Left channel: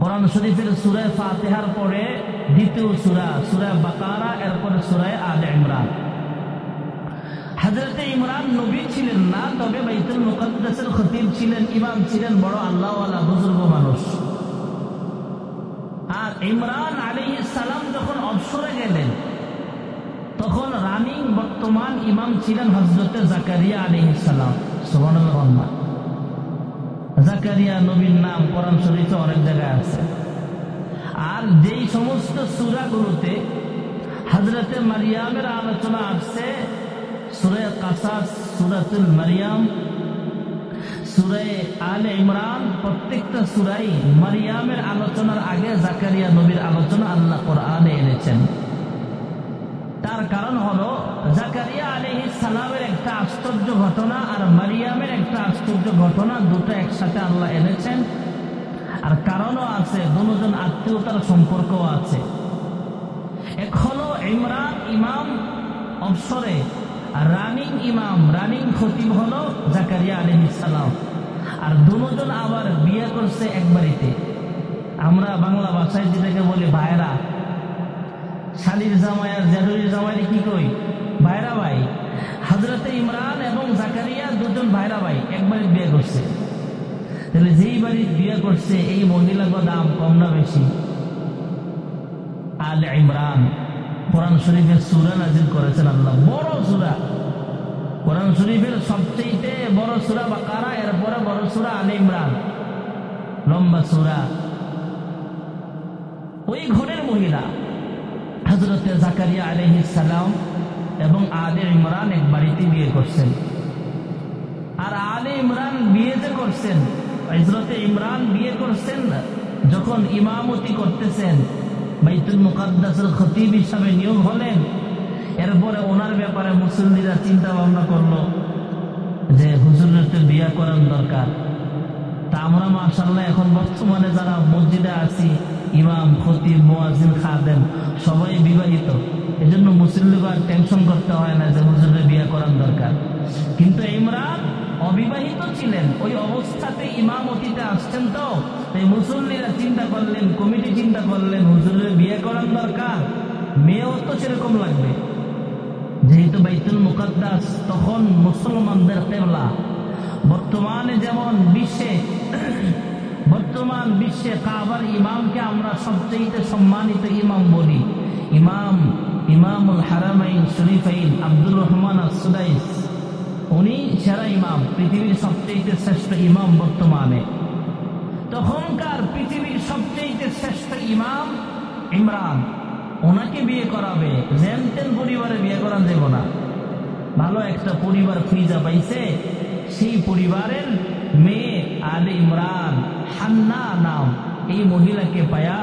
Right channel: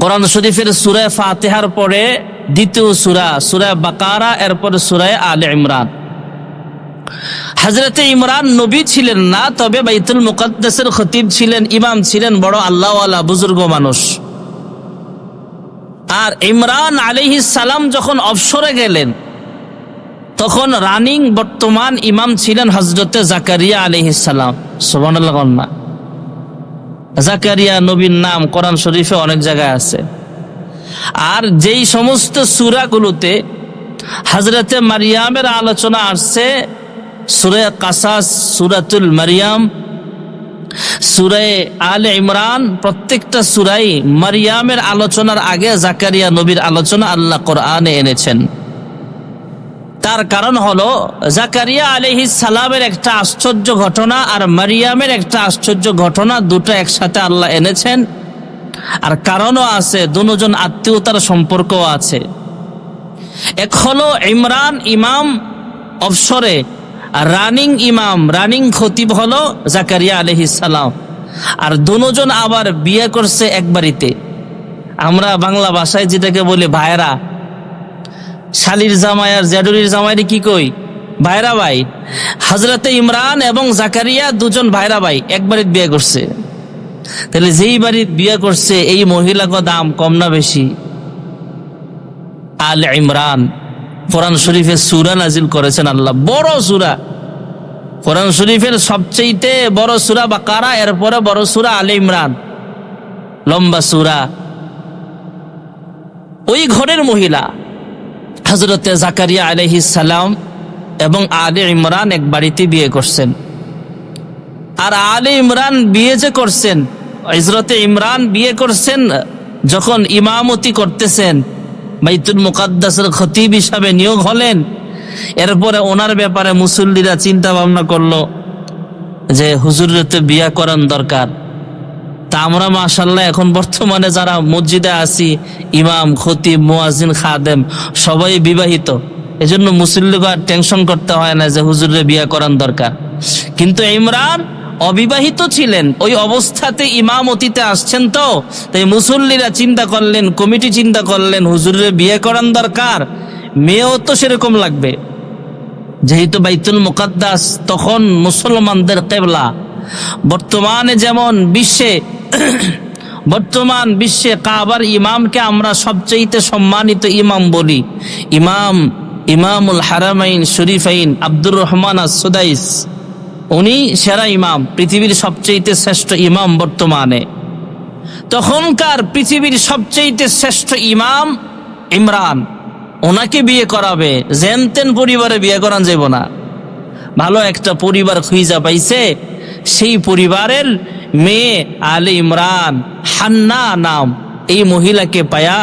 কোরআন শরীফের সূরা ফাতিহার পরে দ্বিতীয় সূরা বাকারা, এরপরে সূরা আলে ইমরান। হযরতে ইমরান নবী ছিলেন না, তবে বাইতুল মুকাদ্দাসের খতিব ছিলেন, ইমাম ছিলেন, বড় আল্লাহওয়ালা বুজুর্গ মানুষ। আর ইমরান আলাইহিস সালাম যখন অবসরে গেলেন, তখন রানিং বর্তমান ইমাম ছিলেন হযরতে জাকারিয়া আলাইহিস সালাম। সুবহানাল্লাহ। জাকারিয়া নবীর নাম কোরআন শরীফে অনেক জায়গায় আছে। আর যেই সমস্ত সূরাগুলোতে হযরতে মারিয়ামের আলোচনা আসছে, সূরা কাসাস, সূরাতুল মারিয়াম, সূরা আলে ইমরান, প্রত্যেকটা সূরাই মারিয়ামের আলোচনার আগে জাকারিয়া নবীর আলোচনা আল্লাহ কোরআনে এনেছেন। তার কারণ হলো জাকারিয়া আলাইহিস সালামের একটা আশ্চর্য ঘটনা আর মারিয়ামের একটা আশ্চর্য ঘটনা, দুটো একসাথে আল্লাহ এনেছেন। আর কারণও আছে, দুজন আত্মীয়তার সম্পর্কও আছে। এক হলো ইমরান ইমাম অবসরে, আর রানিং ইমাম, রানিং খতিব হলো জাকারিয়া আলাইহিস সালাম। আর দুজন আবার বিয়ে করছে এক বাড়িতে। আমরা বাংলা ভাষায় যেটাকে বলি ভাইরা, শালির জামাই আর জ্যাডুরির জামাইরে কি কই? ভাইরা ভাই। হযরতে ইমরান এবং জাকারিয়া দুজন ভাইরা ভাই এক বাড়িতে বিয়ে করছে। তাহলে যেই বাড়িতে বিয়ে করছে এই মহিলাকে দাম কম না বেশি? আলে ইমরান, কোরআন শরীফে সূরা নাজিল করেছেন আল্লাহ, বড় সূরা। কোরআন শরীফের সবচেয়ে বড় সূরা বাকারা, এরপরে বড় সূরা আলে ইমরান, লম্বা সূরা। ওই ঘরের মহিলা হযরতে জাকারিয়া আলাইহিস সালাম এবং আলে ইমরান এক বাড়িতে বিয়ে করছেন। আর আলে ইমরান বিয়ে যে করছেন, হযরতে ইমরান বিয়ে করছেন যখন ইমামতি করতেছেন, বাইতুল মুকাদ্দাসের খতিব হিসাবে নিয়োগ হলেন। এরপরে ওনার ব্যাপারে মুসল্লিরা চিন্তা ভাবনা করলো যে হুজুরের তো বিয়ে করার দরকার। তা আমরা মাশাআল্লাহ এখন বর্তমানে যারা মসজিদে আছি, ইমাম, খতিব, মুয়াজ্জিন, খাদেম সবাই বিবাহিত। এজন্য মুসল্লিকে আর টেনশন করতে হয় না যে হুজুরের বিয়ে করার দরকার। কিন্তু ইমরান অবিবাহিত ছিলেন, ওই অবস্থাতে ইমামতিতে আসছেন। তো তাই মুসল্লিরা চিন্তা করলেন, কমিটি চিন্তা করলেন, হুজুরের বিয়ে করার দরকার, মেয়েও তো সেরকম লাগবে। যেহেতু বাইতুল মুকাদ্দাস তখন মুসলমানদের কিবলা। বর্তমানে যেমন বর্তমান বিশ্বে কাবার ইমামকে আমরা সবচেয়ে সম্মানিত ইমাম বলি। ইমামুল হারামাইন শরীফাইন আব্দুর রহমান আস-সুদাইস, উনি সেরা ইমাম, পৃথিবীর সবচেয়ে শ্রেষ্ঠ ইমাম বর্তমানে। তখনকার পৃথিবীর সবচেয়ে শ্রেষ্ঠ ইমাম ইমরান, ওনাকে বিয়ে করাবে। জেনতেন পরিবারে বিয়ে করান যাব না, ভালো একটা পরিবার খুঁজা পাইছে। সেই পরিবারের মেয়ে আলে ইমরান, হান্না নাম, এই মহিলাকে পায়া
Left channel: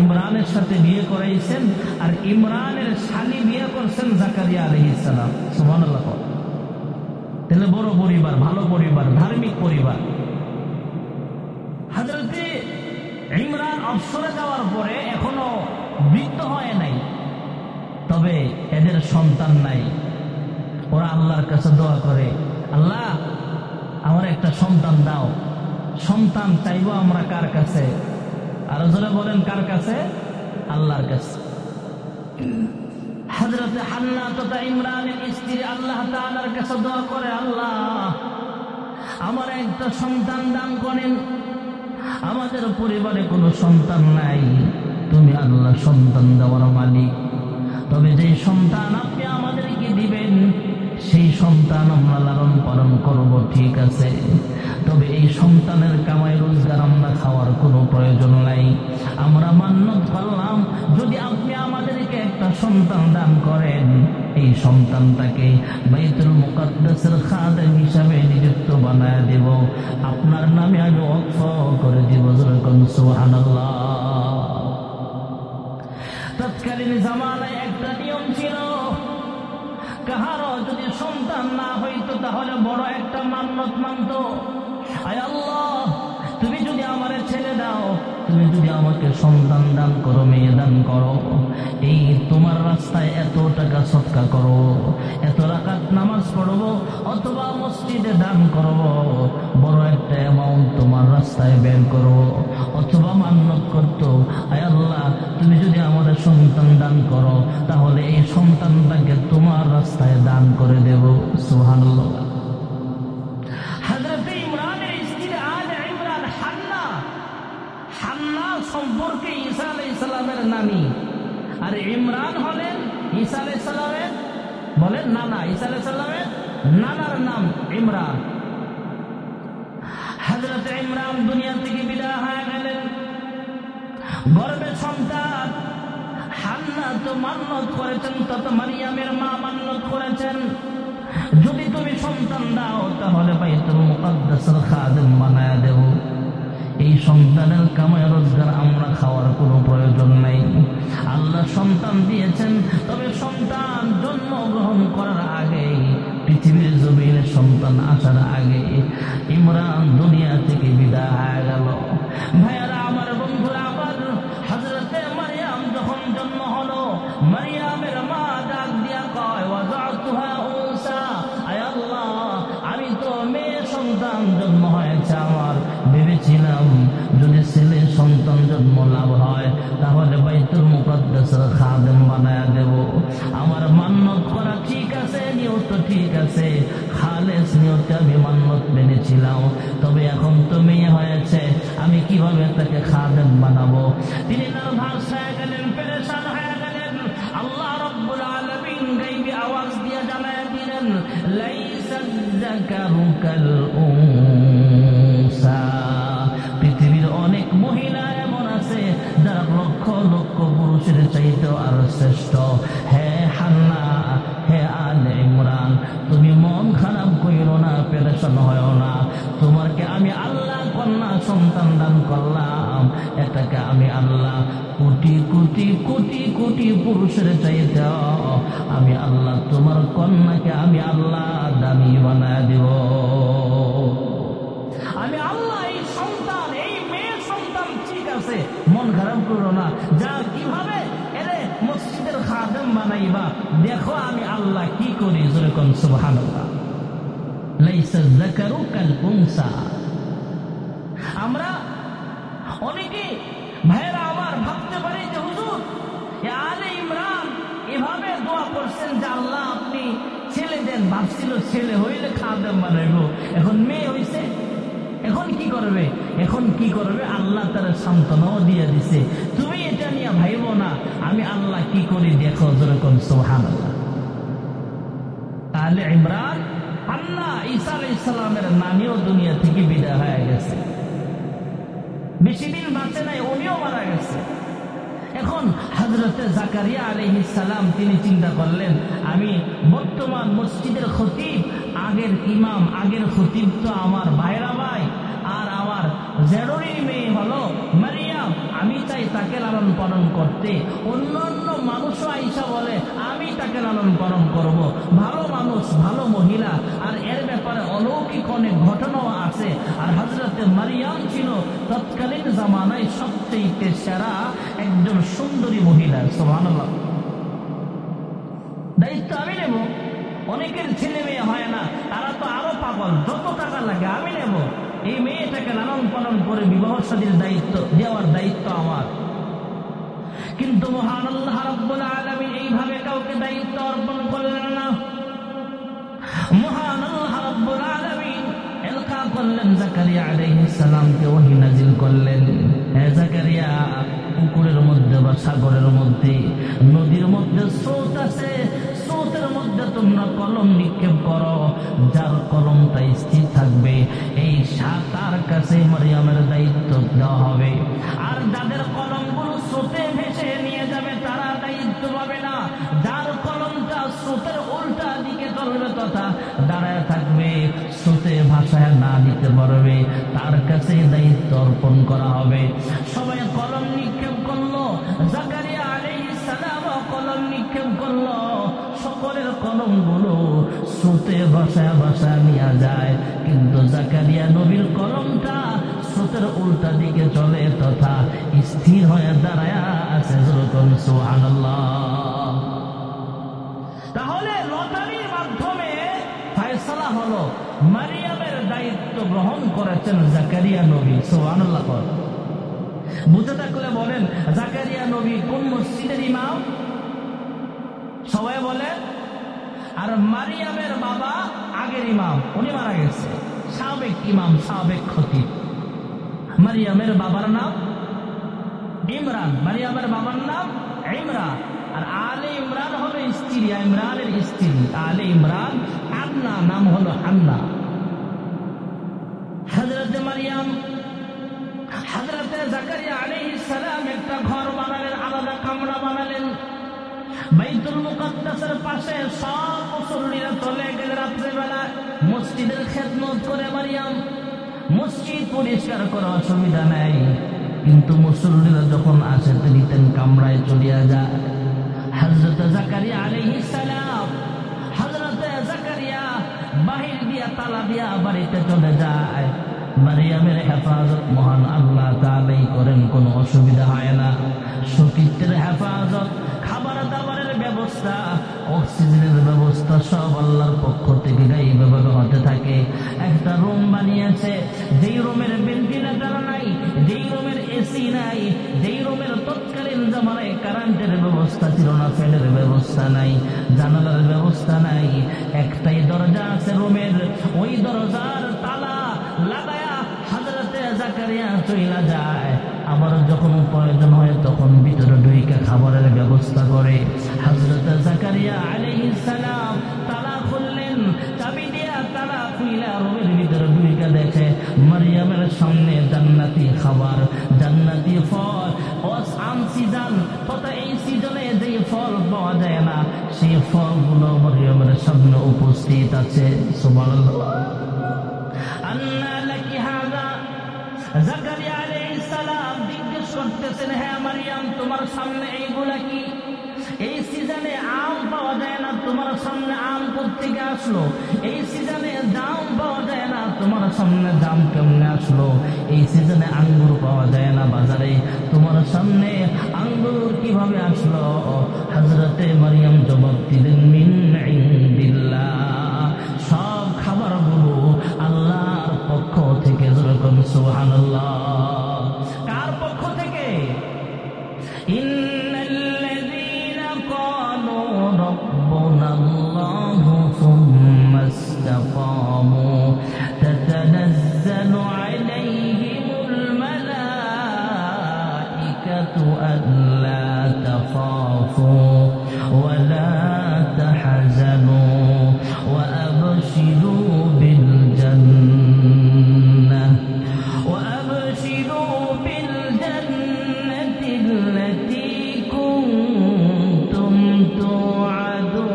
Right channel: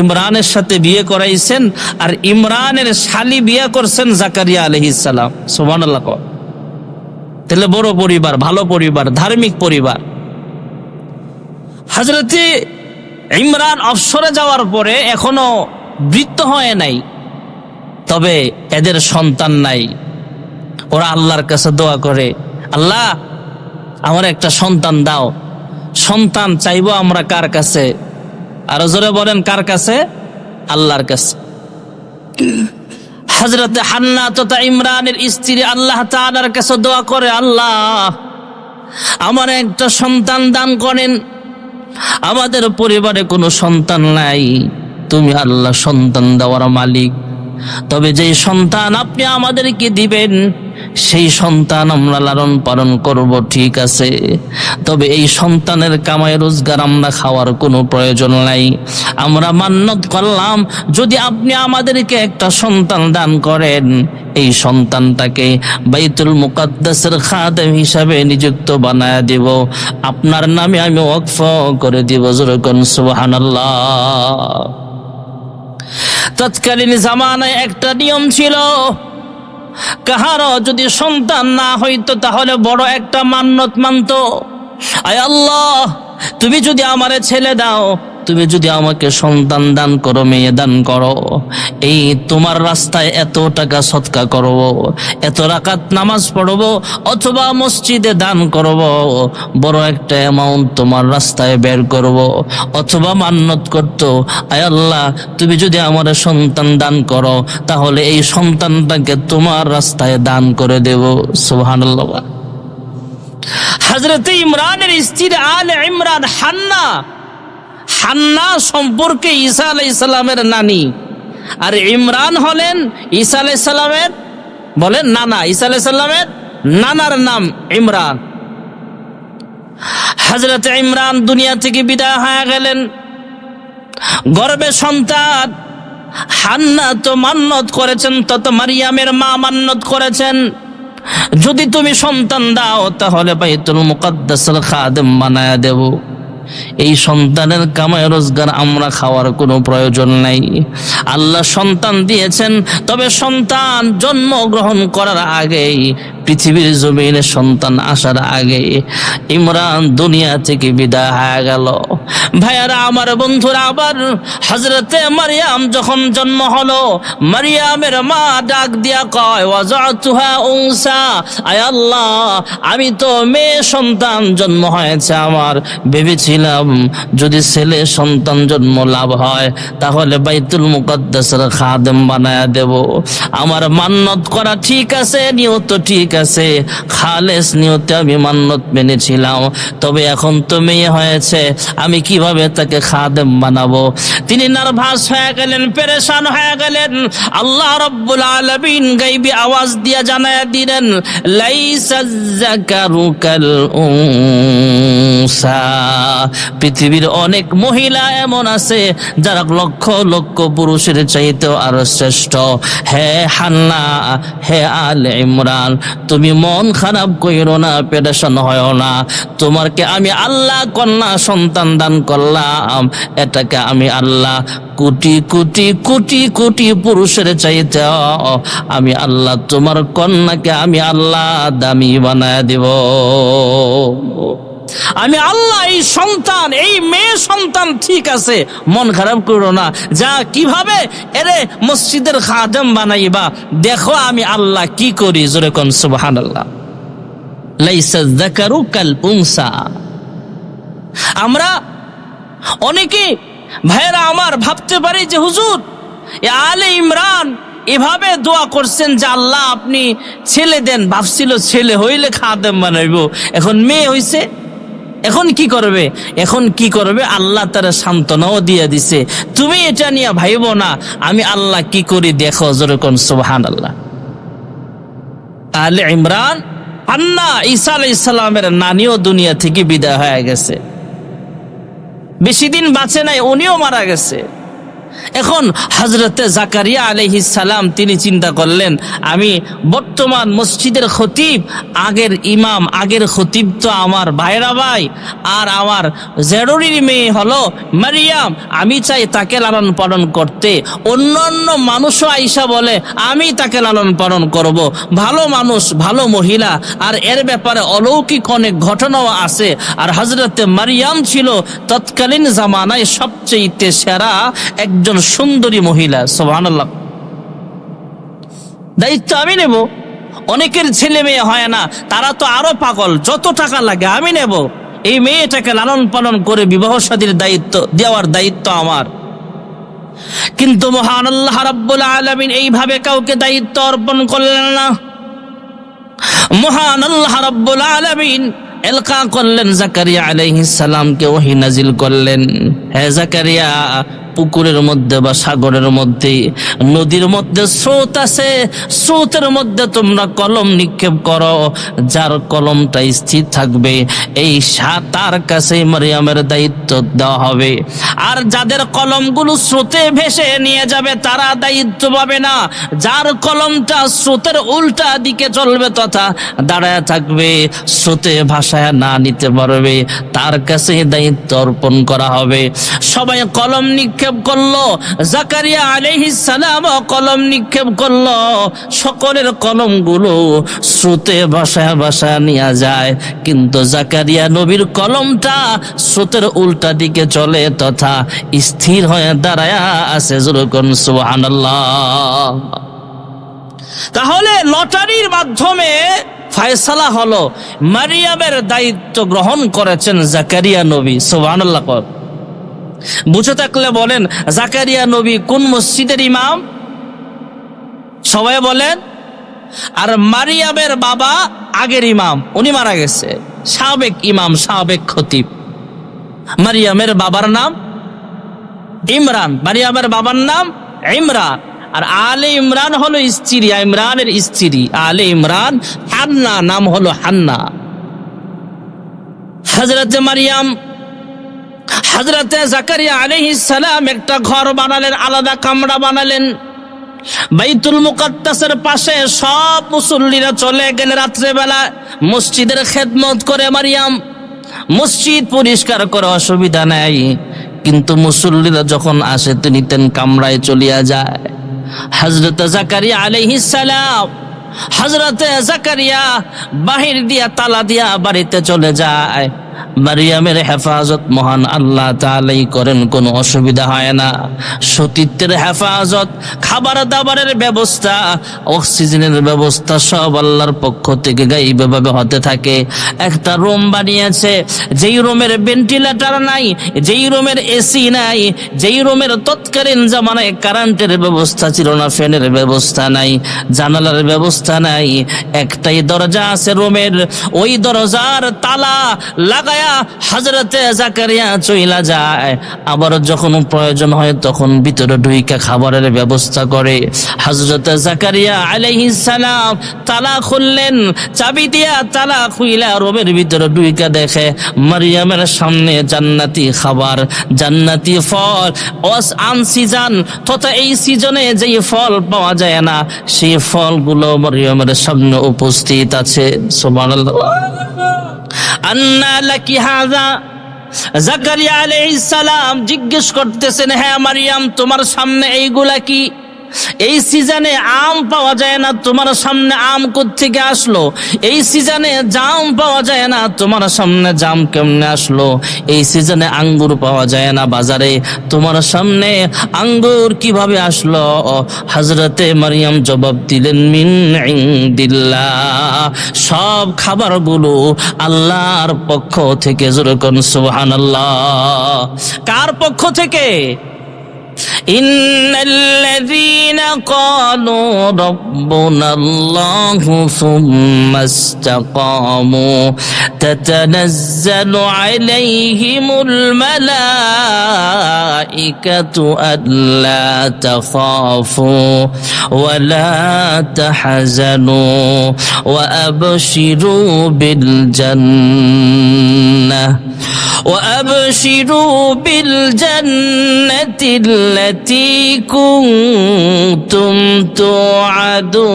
ইমরানের সাথে বিয়ে করাইছেন। আর ইমরানের শালি বিয়ে করছেন জাকারিয়া আলাইহিস সালাম। সুবহানাল্লাহ। তাহলে বড় পরিবার, ভালো পরিবার, ধার্মিক পরিবার। হযরতে ইমরান অবসরে যাওয়ার পরে এখনো বৃদ্ধ হয় নাই, তবে এদের সন্তান নাই। ওরা আল্লাহর কাছে দোয়া করে, আল্লাহ আমার একটা সন্তান দাও। সন্তান চাইবো আমরা কার কাছে? আরো জোরে বলেন, কার কাছে? আল্লাহর কাছে। হযরতে হান্না তথা ইমরানের স্ত্রী আল্লাহ তাআলার কাছে দোয়া করে, আল্লাহ আমার একটা সন্তান দান করেন। আমাদের পরিবারে কোনো সন্তান নাই, তুমি আল্লাহ সন্তান দেওয়ার মালিক। তবে যে সন্তান আপনি আমাদেরকে দিবেন, সেই সন্তান আমরা লালন পালন করব, ঠিক আছে। তবে এই সন্তানের কামাই রোজগার আমরা খাওয়ার কোনো প্রয়োজন নাই। আমরা মান্নত করলাম, যদি আপনি আমাদেরকে একটা সন্তান দান করেন, এই সন্তানটাকে বাইতুল মুকাদ্দাসের খাদেম হিসাবে নিযুক্ত বানায় দেব, আপনার নামে আমি ওয়াকফ করে দিব। যেরকম সুবহানাল্লাহ। তৎকালীন জামানায় একটা নিয়ম ছিল, কাহারও যদি সন্তান না হইতো তাহলে বড় একটা মান্নত মানত, আয় আল্লাহ তুমি যদি আমারে ছেলে দাও, তুমি যদি আমাকে সন্তান দান করো, মেয়ে দান করো, এই তোমার রাস্তায় এত টাকা সদকা করব, এত রাকাত নামাজ পড়ব, অথবা মসজিদে দান করব, বড় একটা অ্যামাউন্ট তোমার রাস্তায় বের করব, অথবা মান্নত করতো, আয় আল্লাহ তুমি যদি আমার সন্তান দান করো তাহলে এই সন্তানটাকে তোমার রাস্তায় দান করে দেব। সুবহানাল্লাহ। হযরত ইমরানের স্ত্রী আলে ইমরান হান্না সম্পর্কে ঈসা আলাইহিস সালামের নানি, আর ইমরান হলেন ঈসা আলাইহিস সালামের বলেন নানা। ঈসা আলাইহিস সালামের নানার নাম ইমরান। হযরত ইমরান দুনিয়া থেকে বিদায় হয়ে গেলেন, গর্ভে সন্তান। হান্না তো মান্নত করেছেন, তত মারিয়ামের মা মান্নত করেছেন, যদি তুমি সন্তান দাও তাহলে বাইতুল মুকাদ্দাসের খাদেম বানায়া দেব। এই সন্তানের কামাই রোজগার আমরা খাওয়ার কোনো প্রয়োজন নাই। আল্লাহ সন্তান দিয়েছেন, তবে সন্তান জন্মগ্রহণ করার আগেই, পৃথিবীর জমিনে সন্তান আসার আগে ইমরান দুনিয়া থেকে বিদায় হয়ে গেল। ভাইয়ারা আমার, বন্ধুরা, আবার হযরতে মারিয়াম যখন জন্ম হলো, মারিয়ামের মা ডাক দিয়া কয়, ওয়াজাতুহা উনসা, আয় আল্লাহ আমি তো মেয়ে সন্তান জন্ম হয়েছে আমার, ভেবেছিলাম যদি ছেলে সন্তান জন্ম লাভ হয় তাহলে বাইতুল মুকাদ্দাসের খাদেম বানায়া দেব। আমার মান্নত করা ঠিক আছে, নিয়ত ঠিক আছে, খালেস নিয়তে আমি মান্নত মেনেছিলাম, তবে এখন তো মেয়ে হয়েছে, আমি কিভাবে তাকে খাদেম বানাবো? তিনি নার্ভাস হয়ে গেলেন, পেরেশান হয়ে গেলেন। আল্লাহ রাব্বুল আলামিন গায়বী আওয়াজ দিয়া জানায়া দিলেন, লাইসা যাকারু কাল উনসা। পৃথিবীর অনেক মহিলা এমন আছে যারা লক্ষ লক্ষ পুরুষের চাইতেও আরো শ্রেষ্ঠ। হে হান্না, হে আলে ইমরান, তুমি মন খারাপ কইরো না, পেরেশান হয় না। তোমাকে আমি আল্লাহ কন্যা সন্তান দান করলাম, এটাকে আমি আল্লাহ কোটি কোটি কোটি কোটি পুরুষের চাইতে আমি আল্লাহ তোমার কন্যাকে আমি আল্লাহ দামি বানায় দিব। আমি আল্লাহ এই সন্তান, এই মেয়ে সন্তান ঠিক আছে, মন খারাপ করো না, যা কিভাবে এরে মসজিদের খাদেম বানাইবা দেখো আমি আল্লাহ কি করি। জোরে কোন সুবহানাল্লাহ। লাইসা যাকারু কাল উনসা। আমরা অনেকে ভাইরা আমার ভাবতে পারি যে হুজুর আলে ইমরান এভাবে দোয়া করছেন যে আল্লাহ আপনি ছেলে দেন, ভাবছিল ছেলে হইলে খাদেম বানাইবো, এখন মেয়ে হইছে, এখন কি করবে? এখন কি করবে? আল্লাহ তারা সান্ত্বনাও দিয়ে দিছে, তুমি এটা নিয়ে ভাইবো না, আমি আল্লাহ কি করি দেখো। যেরকম সুবহানাল্লাহ। আলে ইমরান হান্না ঈসা আলাইহিস সালামের নানিও দুনিয়া থেকে বিদায় হয়ে গেছে, বেশি দিন বাঁচে নাই, উনিও মারা গেছে। এখন হযরতে জাকারিয়া আলাইহিস সালাম তিনি চিন্তা করলেন, আমি বর্তমান মসজিদের খতিব, আগের ইমাম, আগের খতিব তো আমার ভাইরা ভাই, আর আমার জেরুরির মেয়ে হলো মারিয়াম, আমি চাই তাকে লালন পালন করতে। অন্যান্য মানুষও আইসা বলে আমি তাকে লালন পালন করব, ভালো মানুষ, ভালো মহিলা, আর এর ব্যাপারে অলৌকিক অনেক ঘটনাও আছে। আর হযরতে মারিয়াম ছিল তৎকালীন জামানায় সবচেয়ে সেরা একজন সুন্দরী মহিলা। সুবহানাল্লাহ। দায়িত্ব আমি নেব। অনেকের ছেলে মেয়ে হয় না, তারা তো আরো পাগল, যত টাকা লাগে আমি নেব, এই মেয়েটাকে লালন পালন করে বিবাহ শাদীর দায়িত্ব দেওয়ার দায়িত্ব আমার। কিন্তু মহান আল্লাহ রাব্বুল আলামিন এইভাবে কাউকে দায়িত্ব অর্পণ করলেন না। মহান আল্লাহ রাব্বুল আলামিন এলকা করলেন জাকারিয়া আলাইহিস সালামকে, ওহী নাজিল করলেন, হে জাকারিয়া, পুকুরের মধ্যে বা সাগরের মধ্যে, নদীর মধ্যে স্রোত আছে, স্রোতের মধ্যে তোমরা কলম নিক্ষেপ করো, যার কলমটা স্থির থাকবে এই তার কাছে মারিয়ামের দায়িত্ব দেওয়া হবে। আর যাদের কলমগুলো স্রোতে ভেসে নিয়ে যাবে তারা দায়িত্ব পাবে না। যার কলমটা স্রোতের উল্টা দিকে চলবে তথা দাঁড়ায় থাকবে, স্রোতে ভাষা বসায় না নিতে পারবে তার কাছে দায়িত্ব অর্পণ করা হবে। সবাই কলম নিক্ষেপ করলো, জাকারিয়া আলাইহিস সালাম কলম নিক্ষেপ করলো। সকলের কলমগুলো স্রোতে ভাসায় ভাসায় নিয়ে যায়, কিন্তু জাকারিয়া নবীর কলমটা স্রোতের উল্টা দিকে চলে তথা স্থির হয়ে দাঁড়ায় আছে। যেরকম সুবহানাল্লাহ। তাহলে লটারির মাধ্যমে ফয়সালা হলো, মারিয়ামের দায়িত্ব গ্রহণ করেছেন জাকারিয়া নবী। সুবহানাল্লাহ। বুঝে থাকলে বলেন জাকারিয়া নবী কোন মসজিদের ইমাম? সবাই বলেন। আর মারিয়ামের বাবা আগের ইমাম, উনি মারা গেছে, সাবেক ইমাম, সাবেক খতিব। মারিয়ামের বাবার নাম ইমরান, মারিয়ামের বাবার নাম ইমরান। আর আলে ইমরান হলো স্ত্রী, ইমরানের স্ত্রী আলে ইমরান। হান্না নাম হলো হান্না। হযরতে মারিয়াম, হযরতে জাকারিয়া আলাইহিস সালাম একটা ঘর বানালেন, আলাদা কামরা বানালেন। বাইতুল মুকাদ্দাসের পাশে সব মুসল্লিরা চলে গেলে রাত্রেবেলা মসজিদের খেদমত করে মারিয়াম। মসজিদ পরিষ্কার করে অসুবিধা নাই, কিন্তু মুসল্লিরা যখন আসে তিনি তেন কামরায় চলিয়া যায়। হযরতে জাকারিয়া আলাইহিস সালাম, হযরতে জাকারিয়া বাহির দিয়া তালা দিয়া বাড়িতে চলে যায়। মারিয়ামের হেফাজত মহান আল্লাহ তাআলাই করেন, কোনো অসুবিধা হয় না। সতীত্বের হেফাজত, খাবার দাবারের ব্যবস্থা, অক্সিজেনের ব্যবস্থা সব আল্লাহর পক্ষ থেকে গায়বীভাবে হতে থাকে। একটা রুম বানিয়েছে, যেই রুমের ভেন্টিলেটর নাই, যেই রুমের এসি নাই, যেই রুমের তৎকালীন জামানায় কারেন্টের ব্যবস্থা ছিল না, ফ্যানের ব্যবস্থা নাই, জানালার ব্যবস্থা নাই, একটাই দরজা আছে রুমের, ওই দরজার তালা লাগায় হযরতে জাকারিয়া চইলা যায়। আবার যখন প্রয়োজন হয় তখন ভিতরে ঢুইকা খাবারের ব্যবস্থা করে। হযরতে জাকারিয়া আলাইহিস সালাম তালা খুললেন, চাবি দিয়া তালা খুইলা রুমের ভিতরে ঢুইকা দেখে মারিয়ামের সামনে জান্নাতি খাবার, জান্নাতি ফল, আনসিজন তথা এই সিজনে যেই ফল পাওয়া যায় না সেই ফলগুলো মারিয়ামের সামনে উপস্থিত আছে। সুবহানাল্লাহ। আন্না লাকি হাযা, জাকারিয়া আলাইহিস সালাম জিজ্ঞেস করতেছেন, হ্যাঁ মারিয়াম তোমার সামনে এইগুলা কি? এই সিজনে আম পাওয়া যায় না, তোমার সামনে আম কোত্থেকে আসলো? এই সিজনে জাম পাওয়া যায় না, তোমার সামনে জাম কেমনে আসলো? এই সিজনে আঙ্গুর পাওয়া যায় না বাজারে, তোমার সামনে আঙ্গুর কিভাবে আসলো? হযরতে মারিয়াম জবাব দিলেন, মিন ইনদিল্লাহ, সব খাবারগুলো আল্লাহর পক্ষ থেকে। যেরকম সুবহানাল্লাহ। কার পক্ষ থেকে? ইন্নাল্লাযীনা ক্বালু রাব্বুনাল্লাহু সুম্মা ইসতাকামু তাতানাজ্জালু আলাইহিমুল মালাঈকাতু আল্লা তাখাফু ওয়া লা তাহজানু ওয়া আবশিরু বিল জান্নাহ وأبشروا بالجنة التي كنتم توعدون।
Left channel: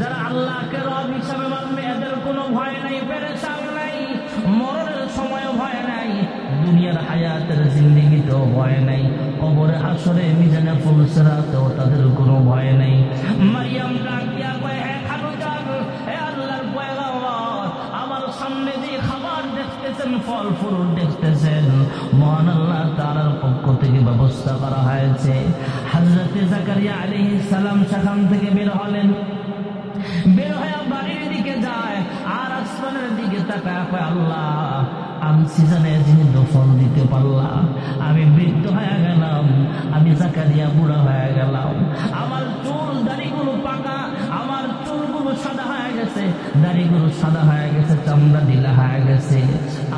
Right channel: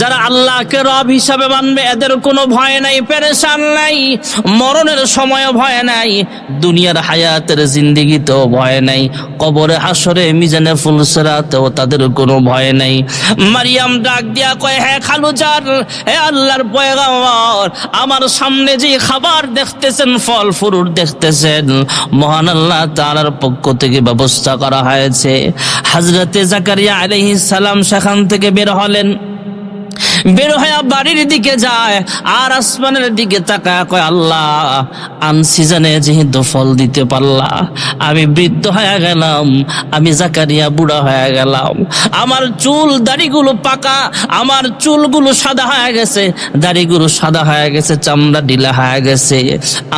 যারা আল্লাহকে রব হিসাবে মানবে এদের কোনো ভয় নাই, পেরেশান নাই, মরণের সময় ভয় নাই, দুনিয়ার হায়াতের জিন্দেগিতেও ভয় নাই, কবরে হাসরে মিজানে ফুলসিরাতেও তাদের কোনো ভয় নাই। মারিয়াম ডাক দিয়া কয়, হ্যাঁ খালুজান, হে আল্লাহর পয়গম্বর, আমার সামনে যে খাবার দেখতেছেন, ফল ফুরুট দেখতেছেন, মহান আল্লাহ তাআলার পক্ষ থেকে ব্যবস্থা করা হয়েছে। হযরতে জাকারিয়া আলাইহিস সালাম সেখান থেকে বের হলেন, বের হয়ে বাড়ির দিকে যায় আর আসমানের দিকে তাকায় কয়, আল্লাহ আনসিজনে যেহেতু ফল দিতে পারলা, আমি বৃদ্ধ হয়ে গেলাম, আমি জাকারিয়া বুড়া হয়ে গেলাম, আমার চুল দাড়িগুলো পাকা, আমার চুলগুলো সাদা হয়ে গেছে, দাড়িগুলো সাদা হয়ে গেছে, চামড়া ঢিলা হয়ে গেছে,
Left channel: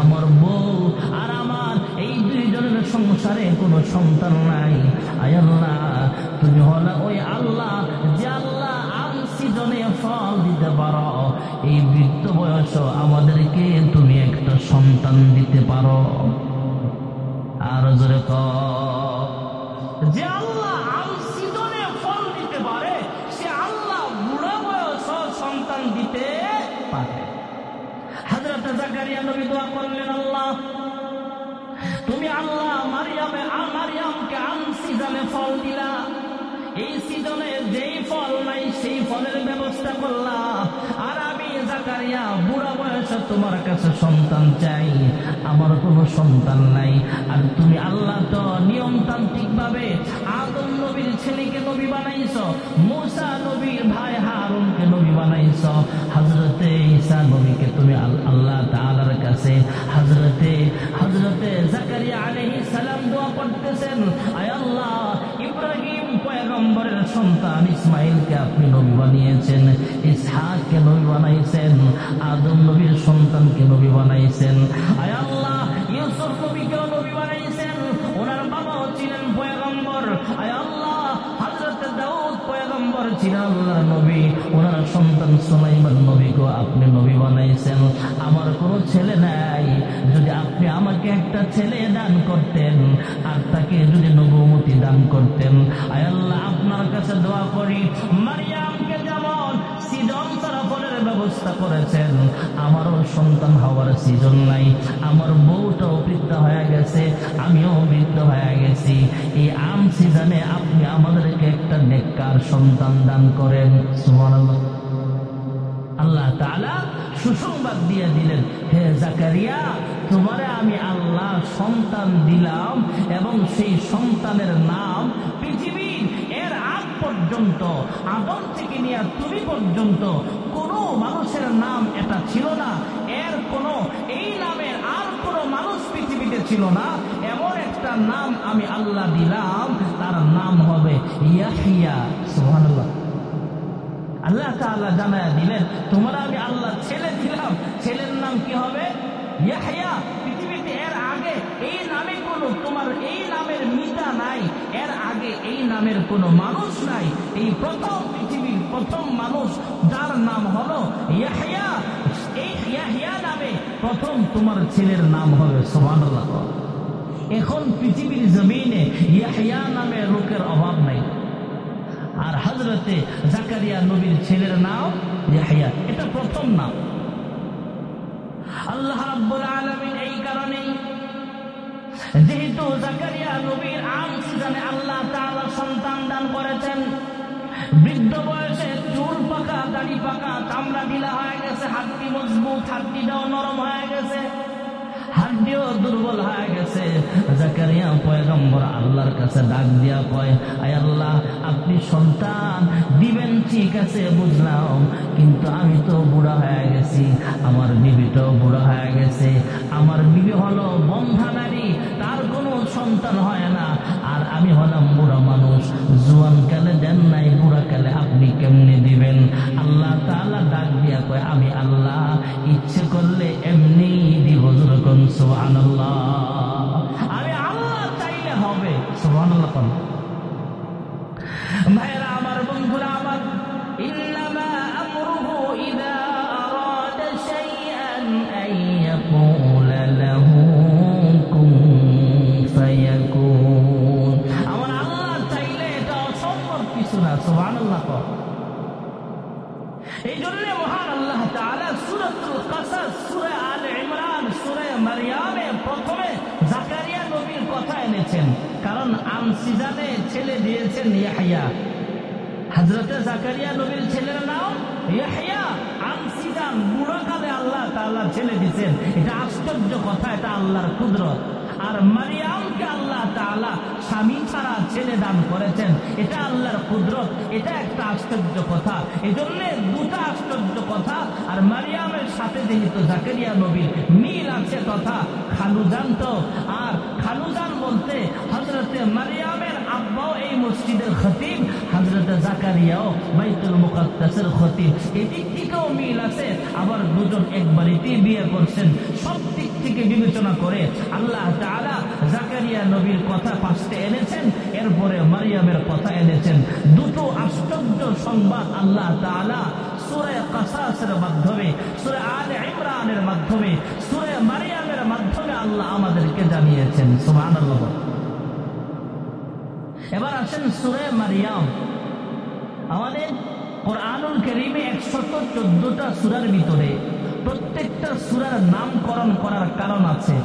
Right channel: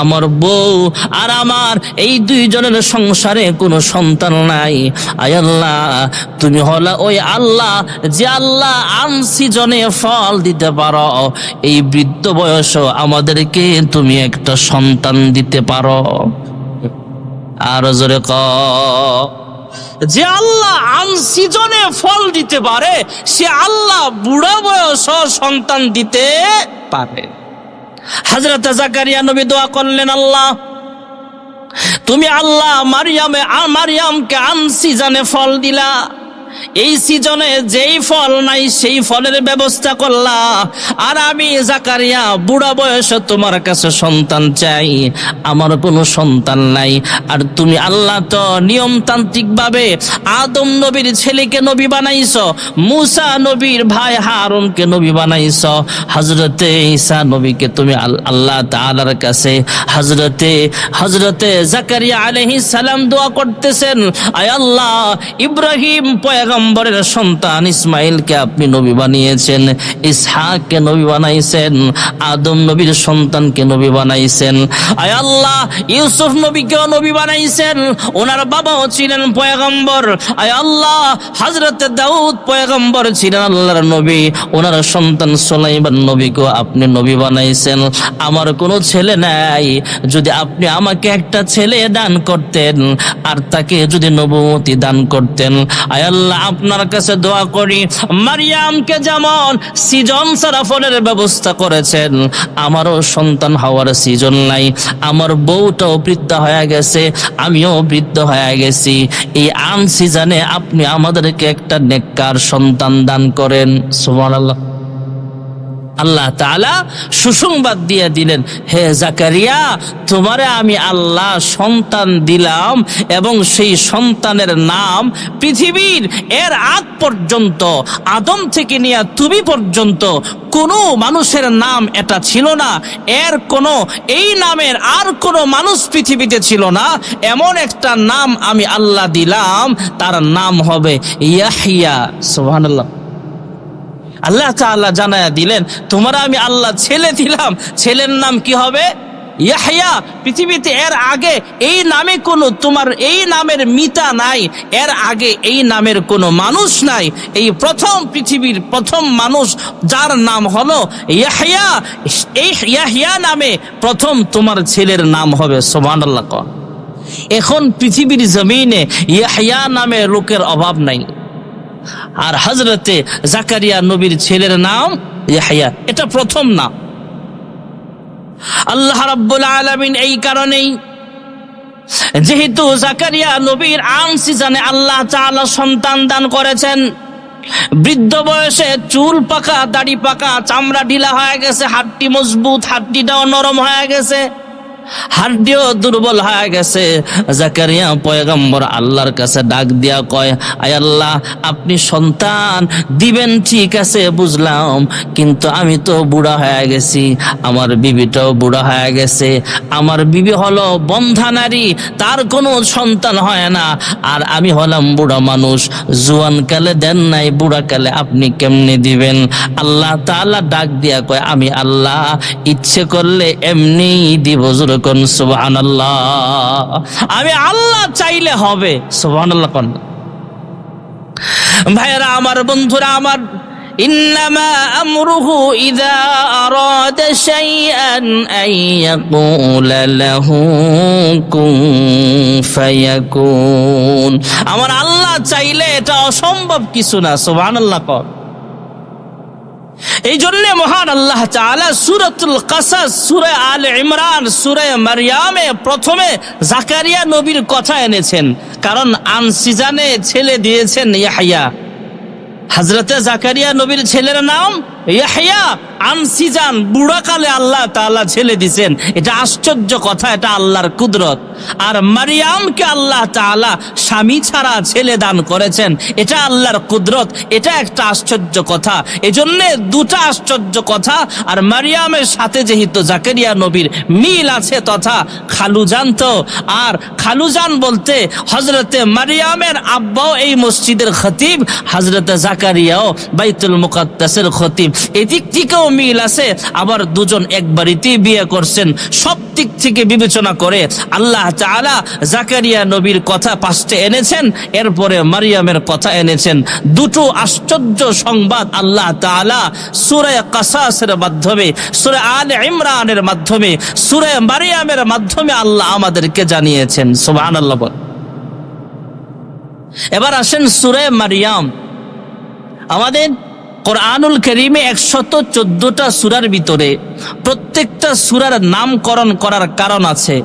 আমার বউ আর আমার এই দুইজনের সংসারে কোনো সন্তান নাই। আয় আল্লাহ, তুমি হলা ওই আল্লাহ যে আল্লাহ আনসিজনে ফল দিতে পারো, এই বৃদ্ধ বয়স আমাদেরকে তুমি একটা সন্তান দিতে পারো। আর জোরে যে আল্লাহ আনসিজনে ফল দিতে পারে সে আল্লাহ বুড়া বয়স সন্তান দিতে পারে। হযরত জাকারিয়া নবী দোয়া করলেন, আল্লাহ তুমি আল্লাহ মারিয়ামকে আনসিজনে ফল দিলা, এই সিজনে যেই ফল নাই সেই ফলের ব্যবস্থা করলা, আর আমি জাকারিয়া বুড়া বয়সে তোমার কাছে সন্তান চাই, আমার কোনো সন্তান নাই। আর তুমি আল্লাহ তো নিয়মতান্ত্রিক ভাবে আদম নবীর ছেলেকে নবী বানাইছো, মুসা নবীর ভাই হারুনকে নবী বানাইছো, হযরতে ঈসা নবীকে তুমি আল্লাহ তাআলার কাছে হযরতে জাকারিয়া আলাইহিস সালাম দোয়া করতেছেন, আয় আল্লাহ ইব্রাহিম পয়গম্বরের সন্তান ইসমাইলকে আপনি নবী বানিয়েছেন, ইসহাককে নবী বানাইছেন, আদম নবীর সন্তানকে নবী বানাইছেন, আয় আল্লাহ ইউসুফ নবীকেও নবী বানাইছেন, ওনার বাবাও ছিলেন পয়গম্বর, আয় আল্লাহ হযরত দাউদ পয়গম্বর ছিলেন আল্লাহর নবী, ওনার সন্তান সুলাইমান নবীকেও আপনি নবী বানাইছেন। আমার কোনো ছেলে নাই, যদি আপনি আমাকে একটা ছেলে দান করতেন আর তাকে যদি নবুয়তি দান করতেন, আয় আল্লাহ আপনার কাছে দোয়া করি মারিয়ামকে যেমন সৃজন ছাড়া ফলের ব্যবস্থা করেছেন, আমারও সন্তান হওয়ার সৃজন নাই, আমার বউটাও বৃদ্ধ হয়ে গেছে, আমিও বৃদ্ধ হয়ে গেছি, এই আনসিজনে আপনি আমাদেরকে একটা নেককার সন্তান দান করেন। সুবহানাল্লাহ। আল্লাহ তাআলা সুসংবাদ দিয়ে দিলেন, হে জাকারিয়া তোমারে আমি আল্লাহ সন্তান দিলাম, এবং সেই সন্তানের নাম পৃথিবীর এর আগ পর্যন্ত আদম থেকে নিয়ে তুমি পর্যন্ত কোনো মানুষের নাম এটা ছিল না, এর কোনো এই নামের আর কোনো মানুষ পৃথিবীতে ছিল না, এমন একটা নাম আমি আল্লাহ দিলাম, তার নাম হবে ইয়াহইয়া। সুবহানাল্লাহ। আল্লাহ তাআলা জানায়া দিলেন, তোমরা আমি আল্লাহ ছেলে দিলাম, ছেলের নাম কি হবে? ইয়াহইয়া। পৃথিবীতে এর আগে এই নামে কোনো তোমার এই নামের মিতা নাই, এর আগে এই নামের কোনো মানুষ নাই, এই প্রথম পৃথিবীর প্রথম মানুষ যার নাম হলো ইয়াহইয়া, এই ইয়াহইয়া নামে প্রথম তোমার ছেলের নাম হবে। সুবহানাল্লাহ। এখন পৃথিবীর জমিনে ইয়াহইয়া নামে লোকের অভাব নাই, আর হযরতে জাকারিয়া নবীর ছেলের নাম ইয়াহইয়া, এটা প্রথম নাম। আল্লাহ রাব্বুল আলামিন এই কারণেই যেহেতু জাকারিয়া নবীর আনসিজনে আল্লাহ তাআলা সন্তান দান করেছেন, বৃদ্ধ বয়সে চুল পাকা, দাড়ি পাকা, চামড়া ঢিলা হয়ে গেছে, হাড়টি মজবুত, হাড়টিটাও নরম হয়ে গেছে, হাড়টিও দুর্বল হয়ে গেছে, জাকারিয়া পয়গম্বর আল্লাহর কাছে ডাক দিয়া কয়, আয় আল্লাহ আপনি সন্তান দিবেন ঠিক আছে বুঝলাম, কিন্তু আমি তো বুড়া হয়ে গেছি, আমার বিবিটাও বুড়া হয়ে গেছে, আমার বিবি হলো বন্ধা নারী, তার কোনো সন্তান হয় না, আর আমি হলাম বুড়া মানুষ, জুয়ান কালে দেন নাই, বুড়া কালে আপনি কেমনে দিবেন? আল্লাহ তাআলা ডাক দিয়া কয়, আমি আল্লাহ ইচ্ছে করলে এমনি দিব। কোন সুবহানাল্লাহ। আমি আল্লাহ চাইলে হবে। সুবহানাল্লাহ। কোন ভাইরা আমার, বন্ধুরা আমার, ইন্নামা আমরুহু ইযা আরাদা শাইআন আন ইয়াকুলা লাহু কুন ফায়াকুন। আমার আল্লাহ চাইলে এটা অসম্ভব কিছু না। সুবহানাল্লাহ। কোন এই জন্য মহান আল্লাহ তাআলা সূরাতুল কাসাস, সূরা আলে ইমরান, সূরা মারইয়ামে প্রথমে জাকারিয়া নবীর কথা এনেছেন, কারণ আনসিজানে ছেলে দিয়েছেন ইয়াহইয়া। হযরতে জাকারিয়া নবীর ছেলের নাম ইয়াহইয়া, আনসিজান বুড়াকালে আল্লাহ তাআলা ছেলে দিয়েছেন, এটা আশ্চর্য কথা, এটা আল্লাহর কুদরত। আর মারিয়ামকে আল্লাহ তাআলা স্বামী ছাড়া ছেলে দান করেছেন, এটা আল্লাহর কুদরত, এটা একটা আশ্চর্য কথা। এজন্য দুটা আশ্চর্য কথা। আর মারিয়ামের সাথে যেহেতু জাকারিয়া নবীর মিল আছে, তথা খালুজান, তো আর খালুজান বলতে হযরতে মারিয়ামের আব্বাও এই মসজিদের খতিব, হযরতে জাকারিয়াও বাইতুল মুকাদ্দাসের খতিব, এদিক থেকেও মিল আছে। আবার দুজন এক বাড়িতেই বিয়ে করছেন, সব দিক থেকে বিবেচনা করে আল্লাহ তাআলা জাকারিয়া নবীর কথা পাশে এনেছেন, এরপরে মারিয়ামের কথা এনেছেন। দুটো আশ্চর্য সংবাদ আল্লাহ তাআলা সূরা কাসাসের মাধ্যমে, সূরা আলে ইমরানের মাধ্যমে, সূরা মারিয়ামের মাধ্যমে আল্লাহ আমাদেরকে জানিয়েছেন। সুবহানাল্লাহ। এবার আসেন সূরা মারিয়াম। আমাদের কোরআনুল কারীমে 114টা সূরার ভিতরে প্রত্যেকটা সূরার নামকরণ করার কারণ আছে,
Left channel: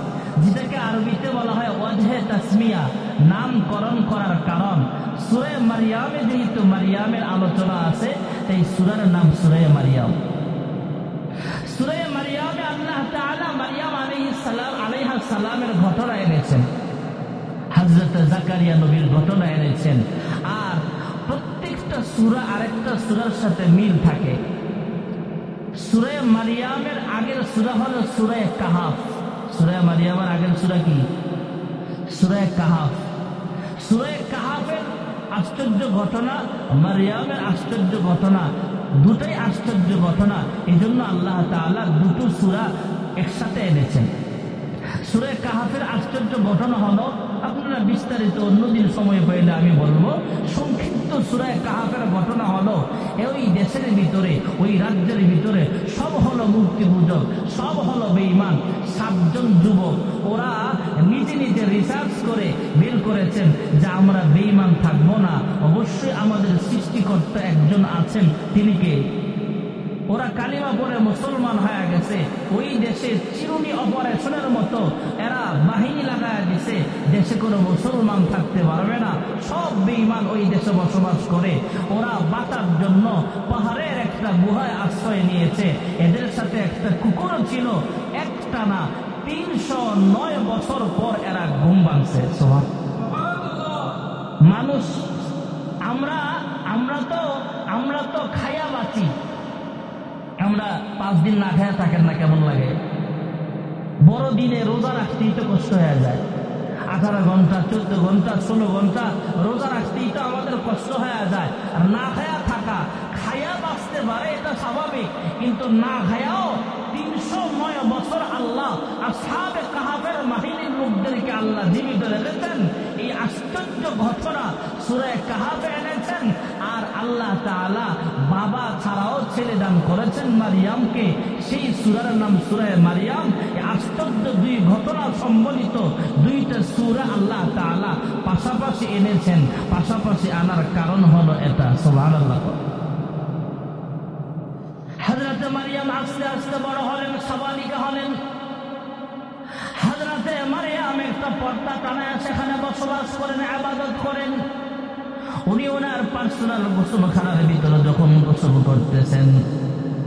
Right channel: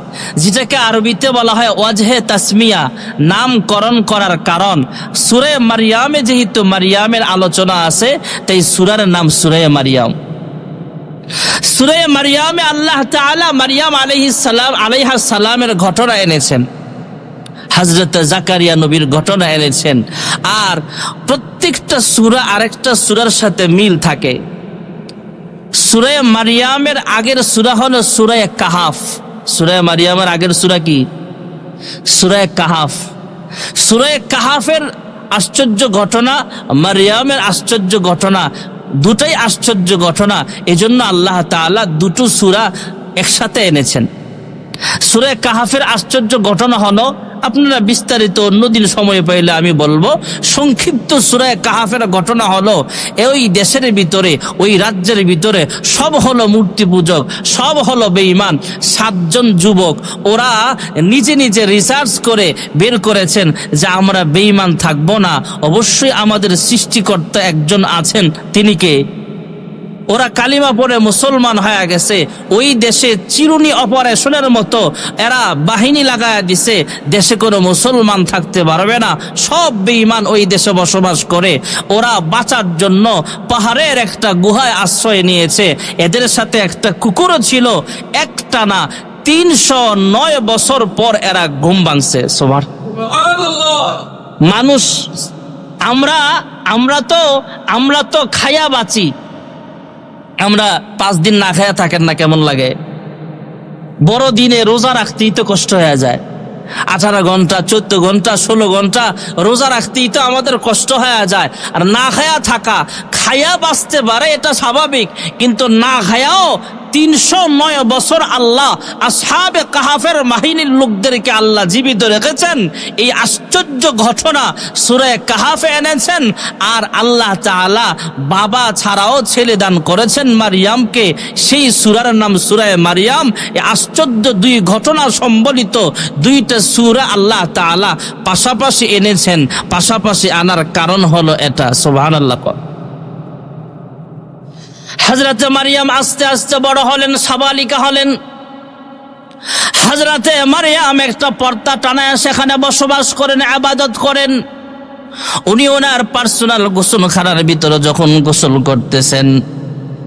যেটাকে আরবিতে বলা হয় ওয়াজহে তাসমিয়া, নামকরণ করার কারণ। সূরা মারিয়ামে যেহেতু মারিয়ামের আলোচনা আছে, তাই সূরার নাম সূরা মারিয়াম। সূরা মারিয়ামে আল্লাহ তাআলা মারিয়াম আলাইহিস সালামের ঘটনা এনেছেন, হযরত জাকারিয়া নবীর ঘটনা এনেছেন। আর প্রত্যেকটা সূরা আরেকটা সূরার সাথে মিল থাকে। সূরা মারিয়ামের আগের সূরা হলো সূরা কাহাফ। সূরা মারিয়ামের আগের সূরা কি? সূরা কাহাফ। সূরা কাহাফের আশ্চর্য ঘটনা, মারিয়ামের আশ্চর্য ঘটনা, দুটাই আশ্চর্য ঘটনা। এজন্য আল্লাহ তাআলা দুটো সূরা একসাথে এনেছেন। সূরা কাহাফের আশ্চর্য ঘটনা হলো, আপনারা বিস্তারিত অন্যদিন সময় পাইলে আমি বলবো, সংক্ষিপ্ত সূরা কাহাফের ঘটনা হলো, ওই দেশের ভিতরে, ওই রাজ্যের ভিতরে সব হলো মূর্তি পূজক, সব হলো বেঈমান। 7 জন যুবক ওরা নিজে নিজে রিসার্চ করে বের করেছেন যে আমরা বেঈমান থাকবো না, অবশ্যই আমাদের সৃষ্টিকর্তা একজন আছেন, তিনি কে? ওরা কালিমা পড়ে মুসলমান হয়ে গেছে। ওই দেশে চিরুনি অপারেশনের মতো এরা বাহিনী লাগায়া দিছে, দেশে কোনো মুসলমান থাকতে পারবে না, সব বেঈমান ওই দেশে বসবাস করে। ওরা বাঁচার জন্য পাহাড়ের একটা গুহায় আশ্রয় নিয়েছে। এদের সাথে একটা কুকুরও ছিল। একটানা 309 বছর পর এরা ঘুম ভাঙছে। সুবহানাল্লাহ। মানুষ আমরা তো খায়া বাঁচি। আমরা 5 দিন না খায়া থাকেন না, কেমন লাগে? বড় দিনে রোজা রাখতেই তো কষ্ট হয়ে যায়। 18 ঘন্টা 14 ঘন্টা 16 ঘন্টা রোজা রাখতেই তো আমাদের কষ্ট হয়ে যায়। আর না খায়া থাকা, খায়া বাঁচতে পারে এটা স্বাভাবিক, কিন্তু না খায়াও 309 বছর আল্লাহ আসহাবে কাহাফের বাহিনীর লোকদেরকে আল্লাহ জীবিত রেখেছেন। এই আশ্চর্য ঘটনা সূরা কাহাফে এনেছেন। আর আল্লাহ তাআলা বাবা ছাড়াও ছেলে দান করেছেন মারিয়ামকে, সেই সূরার নাম সূরা মারিয়াম। এই আশ্চর্য 2 ঘটনা সম্বলিত 2টা সূরা আল্লাহ তাআলা পাশাপাশি এনেছেন। পাশাপাশি আনার কারণ হলো এটা। সুবহানাল্লাহ। হযরতে মারিয়াম আস্তে আস্তে বড় হলেন, সাবালিকা হলেন। হযরতে মারিয়াম একটা পর্দা টানায় সেখানে বসবাস করেন, ইবাদত করেন। উনি ওনার পার্সোনাল গোসলখানার ভিতরে যখন গোসল করতেছেন,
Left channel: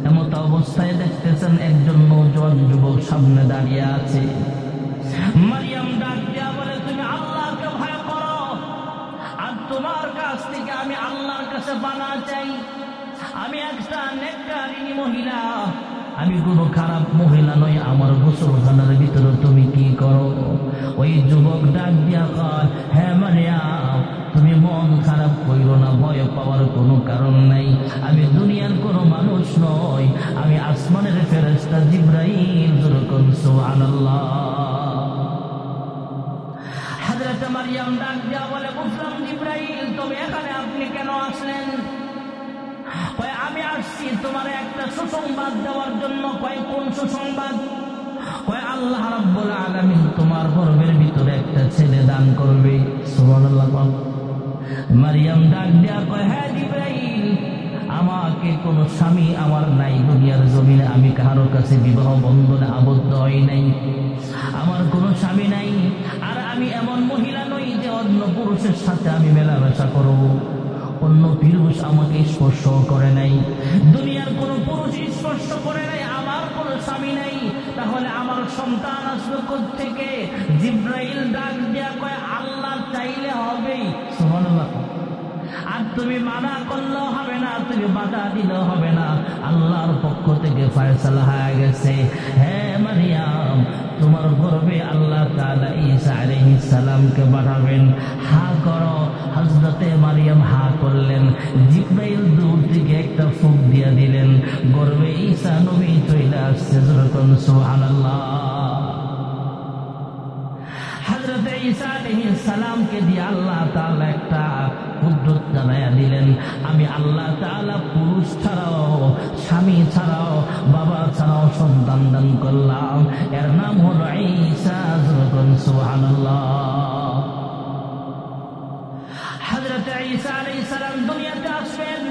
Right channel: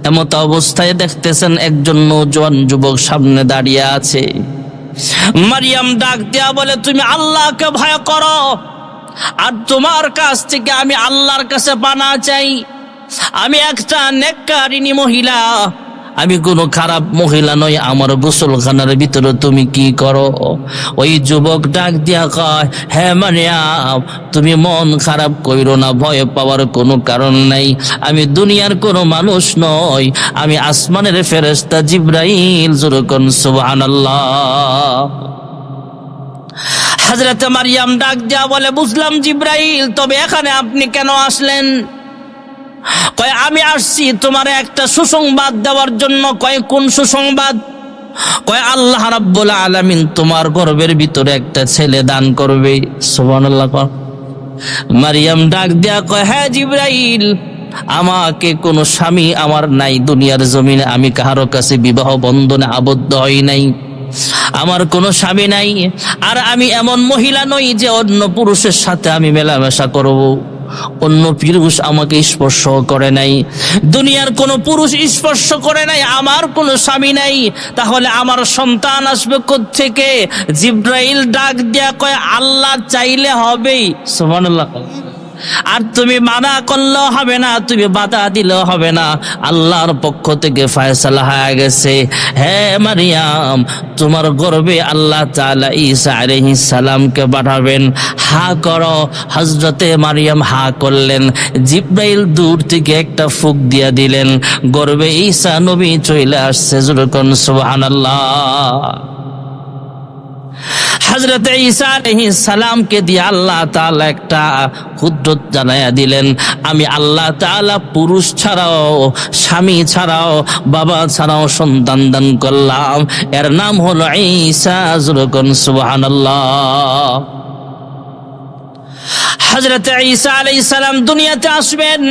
এমত অবস্থায় দেখতেছেন একজন নওজোয়ান যুবক সামনে দাঁড়িয়ে আছে। মারিয়াম ডাক দেয়া বলে, তুমি আল্লাহকে ভয় করো, আর তোমার কাছ থেকে আমি আল্লাহর কাছে পানা চাই। আমি একটা নেককারিনী মহিলা, আমি কোনো খারাপ মহিলা নই। আমার গোসলখানার ভিতরে তুমি কি করো? ওই যুবক ডাক দিয়া কয়, হ্যাঁ মারিয়াম, তুমি মন খারাপ কইরো না, ভয় পাওয়ার কোনো কারণ নাই। আমি দুনিয়ার কোনো মানুষ নই, আমি আসমানের ফেরেশতা জিবরাইল। যেরকম সুবহানাল্লাহ। হযরত মারিয়াম ডাক দিয়া বলে, বুঝলাম জিবরাইল, তবে এখানে আপনি কেন আসলেন? কয়, আমি আসছি তোমার একটা সুসংবাদ দেওয়ার জন্য। কয়, কোন সুসংবাদ? কয়, আল্লাহ রাব্বুল আলামিন তোমার গর্ভের ভিতরে একটা ছেলে দান করবে। সুবহানাল্লাহ। মারিয়াম ডাক দেয়া কয়, হ্যাঁ জিবরাইল, আমাকে কোনো স্বামী আমার নাই দুনিয়ার জমিনে, আমি কারো কাছে বিবাহ বন্ধনে আবদ্ধ হই নাই, আমার কোনো স্বামী নাই। আর আমি এমন মহিলা নই যে অন্য পুরুষের সাথে আমি মেলামেশা করব। অন্য পুরুষ আমাকে স্পর্শ করে নাই, দুনিয়ার কোনো পুরুষ স্পর্শ করে নাই, আমার কোনো স্বামী নাই, তাহলে আমার সন্তান আসবে কোত্থেকে? জিবরাইল ডাক দিয়া কয়, আল্লাহ চাইলে হবেই। সুবহানাল্লাহ। আর তুমি মানা করলেও হবে না, তুমি বাধা দিলেও হবে না, আল্লাহর পক্ষ থেকে ফয়সালা হয়ে গেছে। হ্যাঁ মারিয়াম, তোমার গর্ভে আল্লাহ তাআলা ঈসা আলাইহিস সালামকে পাঠাবেন, হা করো। হযরতে মারিয়াম হা করলেন। জিবরাইল দূর থেকে একটা ফুঁক দিয়া দিলেন, গর্ভে ঈসা নবী চলে আসছে। যেরকম সুবহানাল্লাহ। হযরত ঈসা আলাইহিস সালামকে দিয়ে আল্লাহ তাআলা একটা কুদরত জানায়া দিলেন, আমি আল্লাহ তাআলা পুরুষ ছাড়াও, স্বামী ছাড়াও, বাবা ছাড়াও সন্তান দান করলাম, এর নাম হলো ঈসা। যেরকম সুবহানাল্লাহ। হযরত ঈসা আলাইহিস সালাম দুনিয়াতে আসবেন।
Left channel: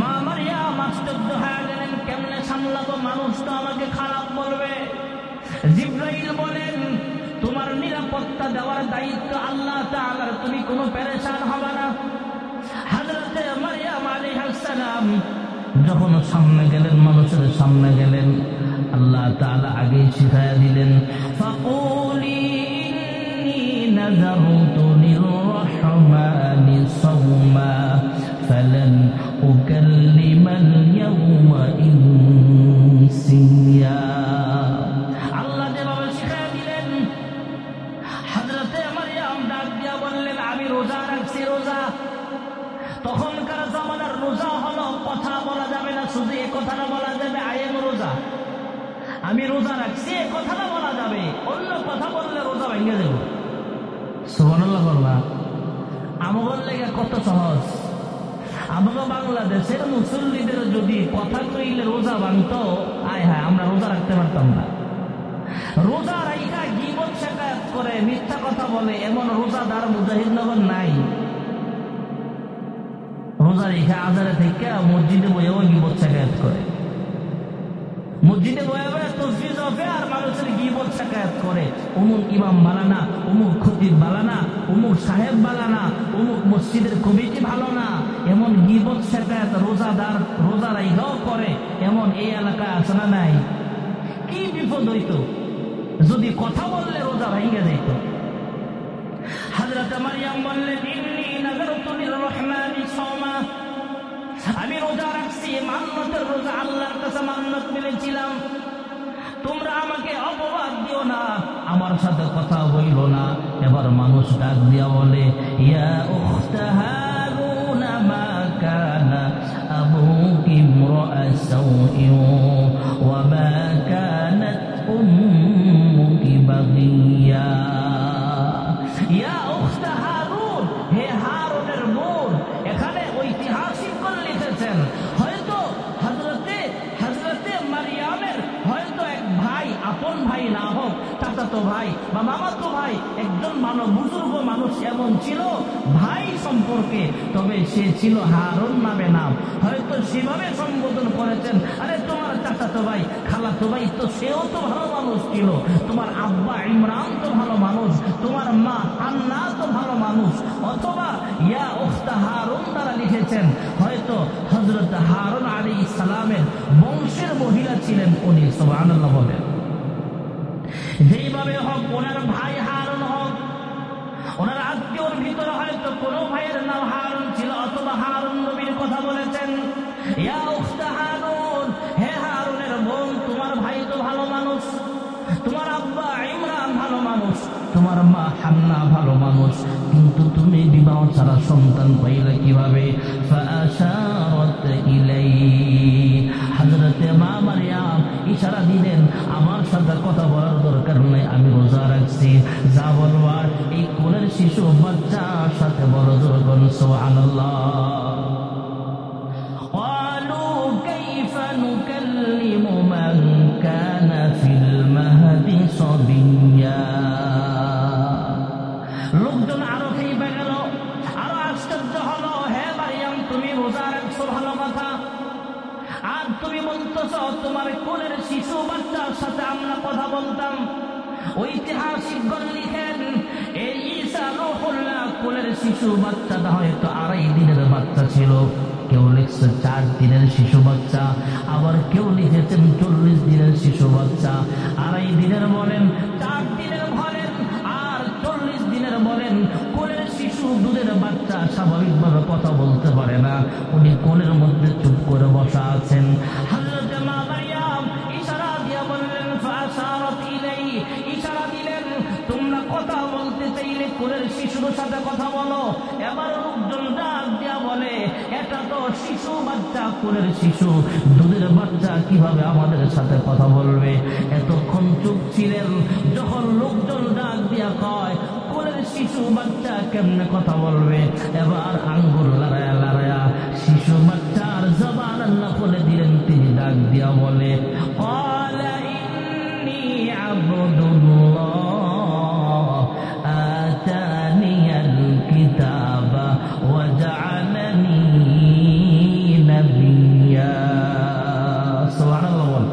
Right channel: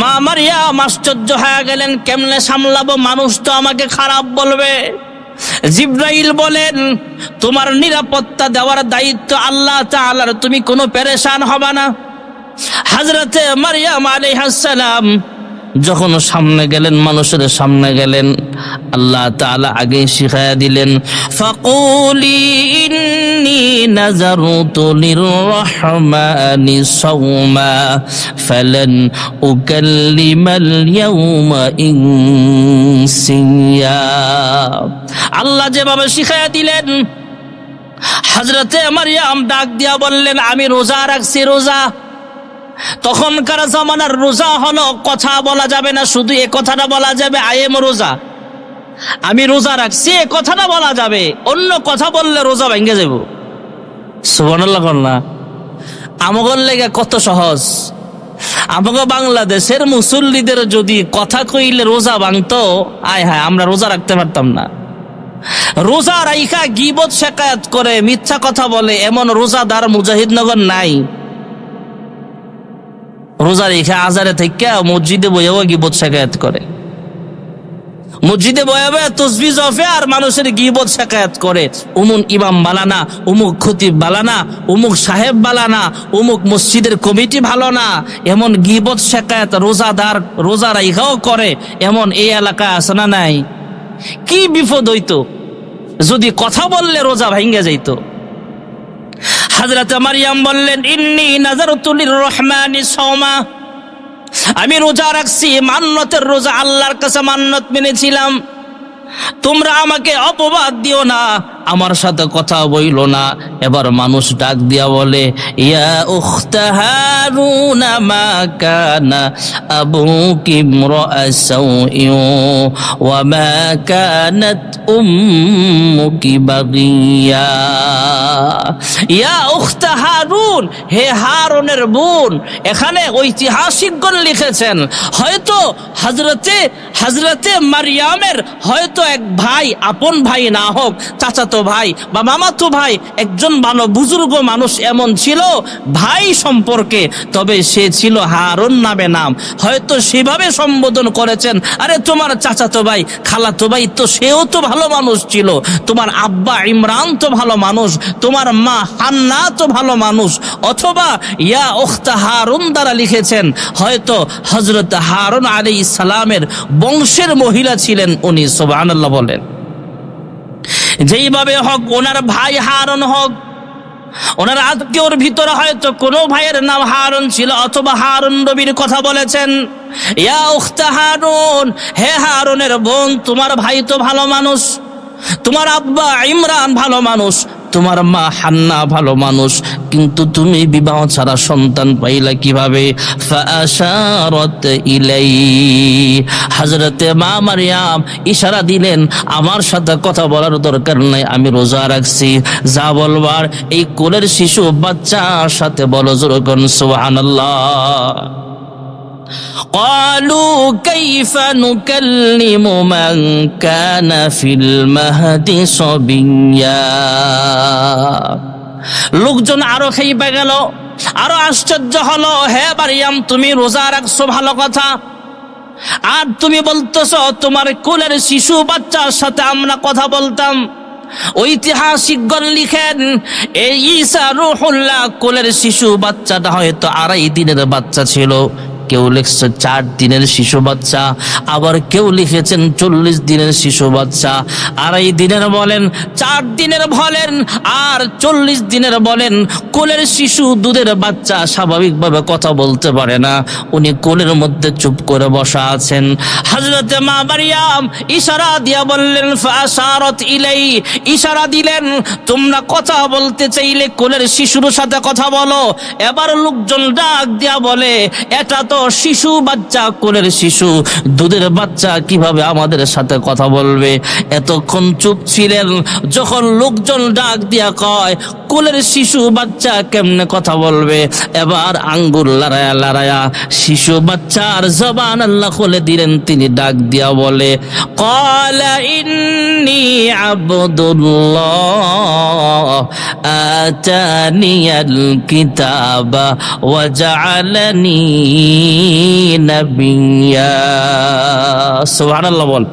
মা মারইয়াম আশ্চর্য হয়ে গেলেন, কেমনে সামলাবো, মানুষ তো আমাকে খারাপ বলবে। জিবরাইল বলেন, তোমার নিরাপত্তা দেওয়ার দায়িত্ব আল্লাহ তাআলার, তুমি কোনো পেরেশান হবা না। হযরত মারইয়াম আলাইহিস সালাম যখন সামনে গেলেন, মানুষের সামনে গেলেন, আল্লাহ তাআলা আগে শিখায়া দিলেন, ফাকুলি ইন্নী নাযারতু লিররহমানি সাওমা ফালান উকাল্লিমাল ইয়াওমা ইনসিয়া। আল্লাহ যেভাবে শিখায়া দিলেন, হযরতে মারইয়াম ডাক দিয়া বললেন, আমি রোজা রাখছি। রোজা তখনকার জামানার রোজা হলো কথা বলা যাবে না, শুধু এ কথাটা বলা যাবে আই এম রোজা, আমি রোজা রাখছি, এ কথাটা বলা যাবে। অন্য কথা বললে রোজা ভেঙে যাব। সুবহানাল্লাহ। না আমগর লেগে কত সহজ। আমাকে বাংলাদেশের মুসল্লিদের যদি কথা কইলে রোজা ভাঙতো, আয় হায়, আমরা রোজা রাখতে পারতাম না। রোজা রাইখা গীবত শেকায়াত করে, মিথ্যা কথা বলে, এমন রোজাদার মুজাহিদনগর নাই। রোজা রেখে আজারে থেকে মসজিদে বইয়াও গীবত শেকায়াত করে, মসজিদে বয়াবে তসবিহ জফে আর মানুষের গীবত শেকায়াত করে। উমুক ইমাম বালানা, উমুক খতিব বালানা, উমুক সাহেব বালানা, উমুক মসজিদের কমিটি ভালো না, এমন গীবত শেকায়াত রোজাদার রোজা রাইখাও করে। এমন এই এলাকায় আছে না নাই? কি বিপদ হইতো যদি কথা বললে রোজা ভাঙ্গে যাইত। হযরত মারইয়াম বললেন, ইন্নী নাযারতু লিররহমানি সাওমা, আমি রোজা রাখছি, মান্নতের রোজা, আল্লাহর কাছে মান্নত মেনেছিলাম। তোমরা আমাকে অপবাদ দিও না, আমার সাথে কথা বইলো না। এবার মানুষ ডাক দিয়া বলে, ইয়া উখতা হারুন মা কানা আবুকি ইমরাআ সাউইন ওয়া মা কানাত উম্মুকি বাগিয়া। ইয়া উখতা হারুন, হে হারুনের বোন। এখানে ঐতিহাসিকগণ লিখেছেন, হয়তো হযরতে মারইয়ামের হয়তো এক ভাই, আপন ভাই না হোক, চাচাতো ভাই বা মামাতো ভাই, একজন ভালো বুজুর্গ মানুষ এমন ছিল ভাই সম্পর্কে, তবে সে ছিল হারুন নামে নাম। হয়তো সেভাবে সম্বোধন করেছেন, আরে তোমার চাচাতো ভাই, খালাতো ভাই তো সেও তো ভালো মানুষ ছিল, তোমার আব্বা ইমরান তো ভালো মানুষ, তোমার মা হান্না তো ভালো মানুষ। অথবা ইয়া উখতা হারুন দ্বারা লিখেছেন, হয়তো হযরত হারুন আলাইহিস সালামের বংশের মহিলা ছিলেন উনি। সুবহানাল্লাহ বলেন। যেইভাবে হোক, ওনার ভাই হারুন হোক, ওনার আত্মীয়র ভিতরে হয়তো কোনো ভাইয়ের নাম হারুন ছিল, অথবা হারুন নবীর কথা বলেছেন। ইয়া উখতা হারুন, হে হারুনের বোন, তোমার ভাই তো ভালো মানুষ, তোমার আব্বা ইমরান ভালো মানুষ, তোমার মা হান্না ভালো মানুষ, কিন্তু তুমি বিবাহ ছাড়া সন্তান পাইলা কিভাবে? ফাআশারাত ইলাইহি, হযরতে মা মারইয়াম ইশারা দিলেন, আমার সাথে কথা বলার দরকার নাই, আমি রোজা রাখছি, যা বলবার এই কোলের শিশু বাচ্চার সাথে বলো। জোরে বলুন সুবহানাল্লাহ। قالوا كيف نكلم من كان في المهد صبيا। লোকজন আরো খেইপে গেল, আরো আশ্চর্য হলো, হে মারইয়াম, তুমি রোজা রাখছো ভালো কথা, আর তুমি বলতেছো তোমার কোলের শিশু বাচ্চার সাথে আমরা কথা বলতাম। ঐতিহাসিকগণ লিখেন, এই ঈসা রূহুল্লাহ কোলের শিশু বাচ্চাটা হয়তো 2.5 দিনের বাচ্চা ছিল, কেউ লিখছে 4 দিনের শিশু বাচ্চা, আবার কেউ লিখেছেন 40 দিনের শিশু বাচ্চা। 2.5 দিনের বলেন, 4 দিনের বলেন, আর 40 দিনের বলেন। কোলের শিশু, দুধের বাচ্চা স্বাভাবিকভাবে কথা বলতে পারে না, উনি কোলের মধ্যে চুপ করে বসা আছেন। হযরতে মা মারইয়াম ইশারা দিয়া বললেন, ফাআশারাত ইলাই, ইশারা দিলেন, তোমরা কথা বলতে চাইলে কোলের শিশুর সাথে কথা বলো। এবার লোকজন ডাক দিয়া বলে, এটা তো শিশু বাচ্চা, কোলের শিশু, দুধের বাচ্চা, কিভাবে আমাদের সাথে কথা বলবে? এতক্ষণ চুপ ছিলেন, যখন লোকজন ডাক দিয়া কয় কোলের শিশু বাচ্চা কেমনে কথা বলবে, এবার আঙ্গুল লড়ায়া লড়ায়া শিশু বাচ্চার জবান আল্লাহ খুলে দিলেন। তিনি ডাক দিয়া বলে, ক্বালা ইন্নী আবদুল্লাহ আতানিয়াল কিতাবা ওয়া জাআলানি নাবিয়্যা। সুবহানাল্লাহ বল।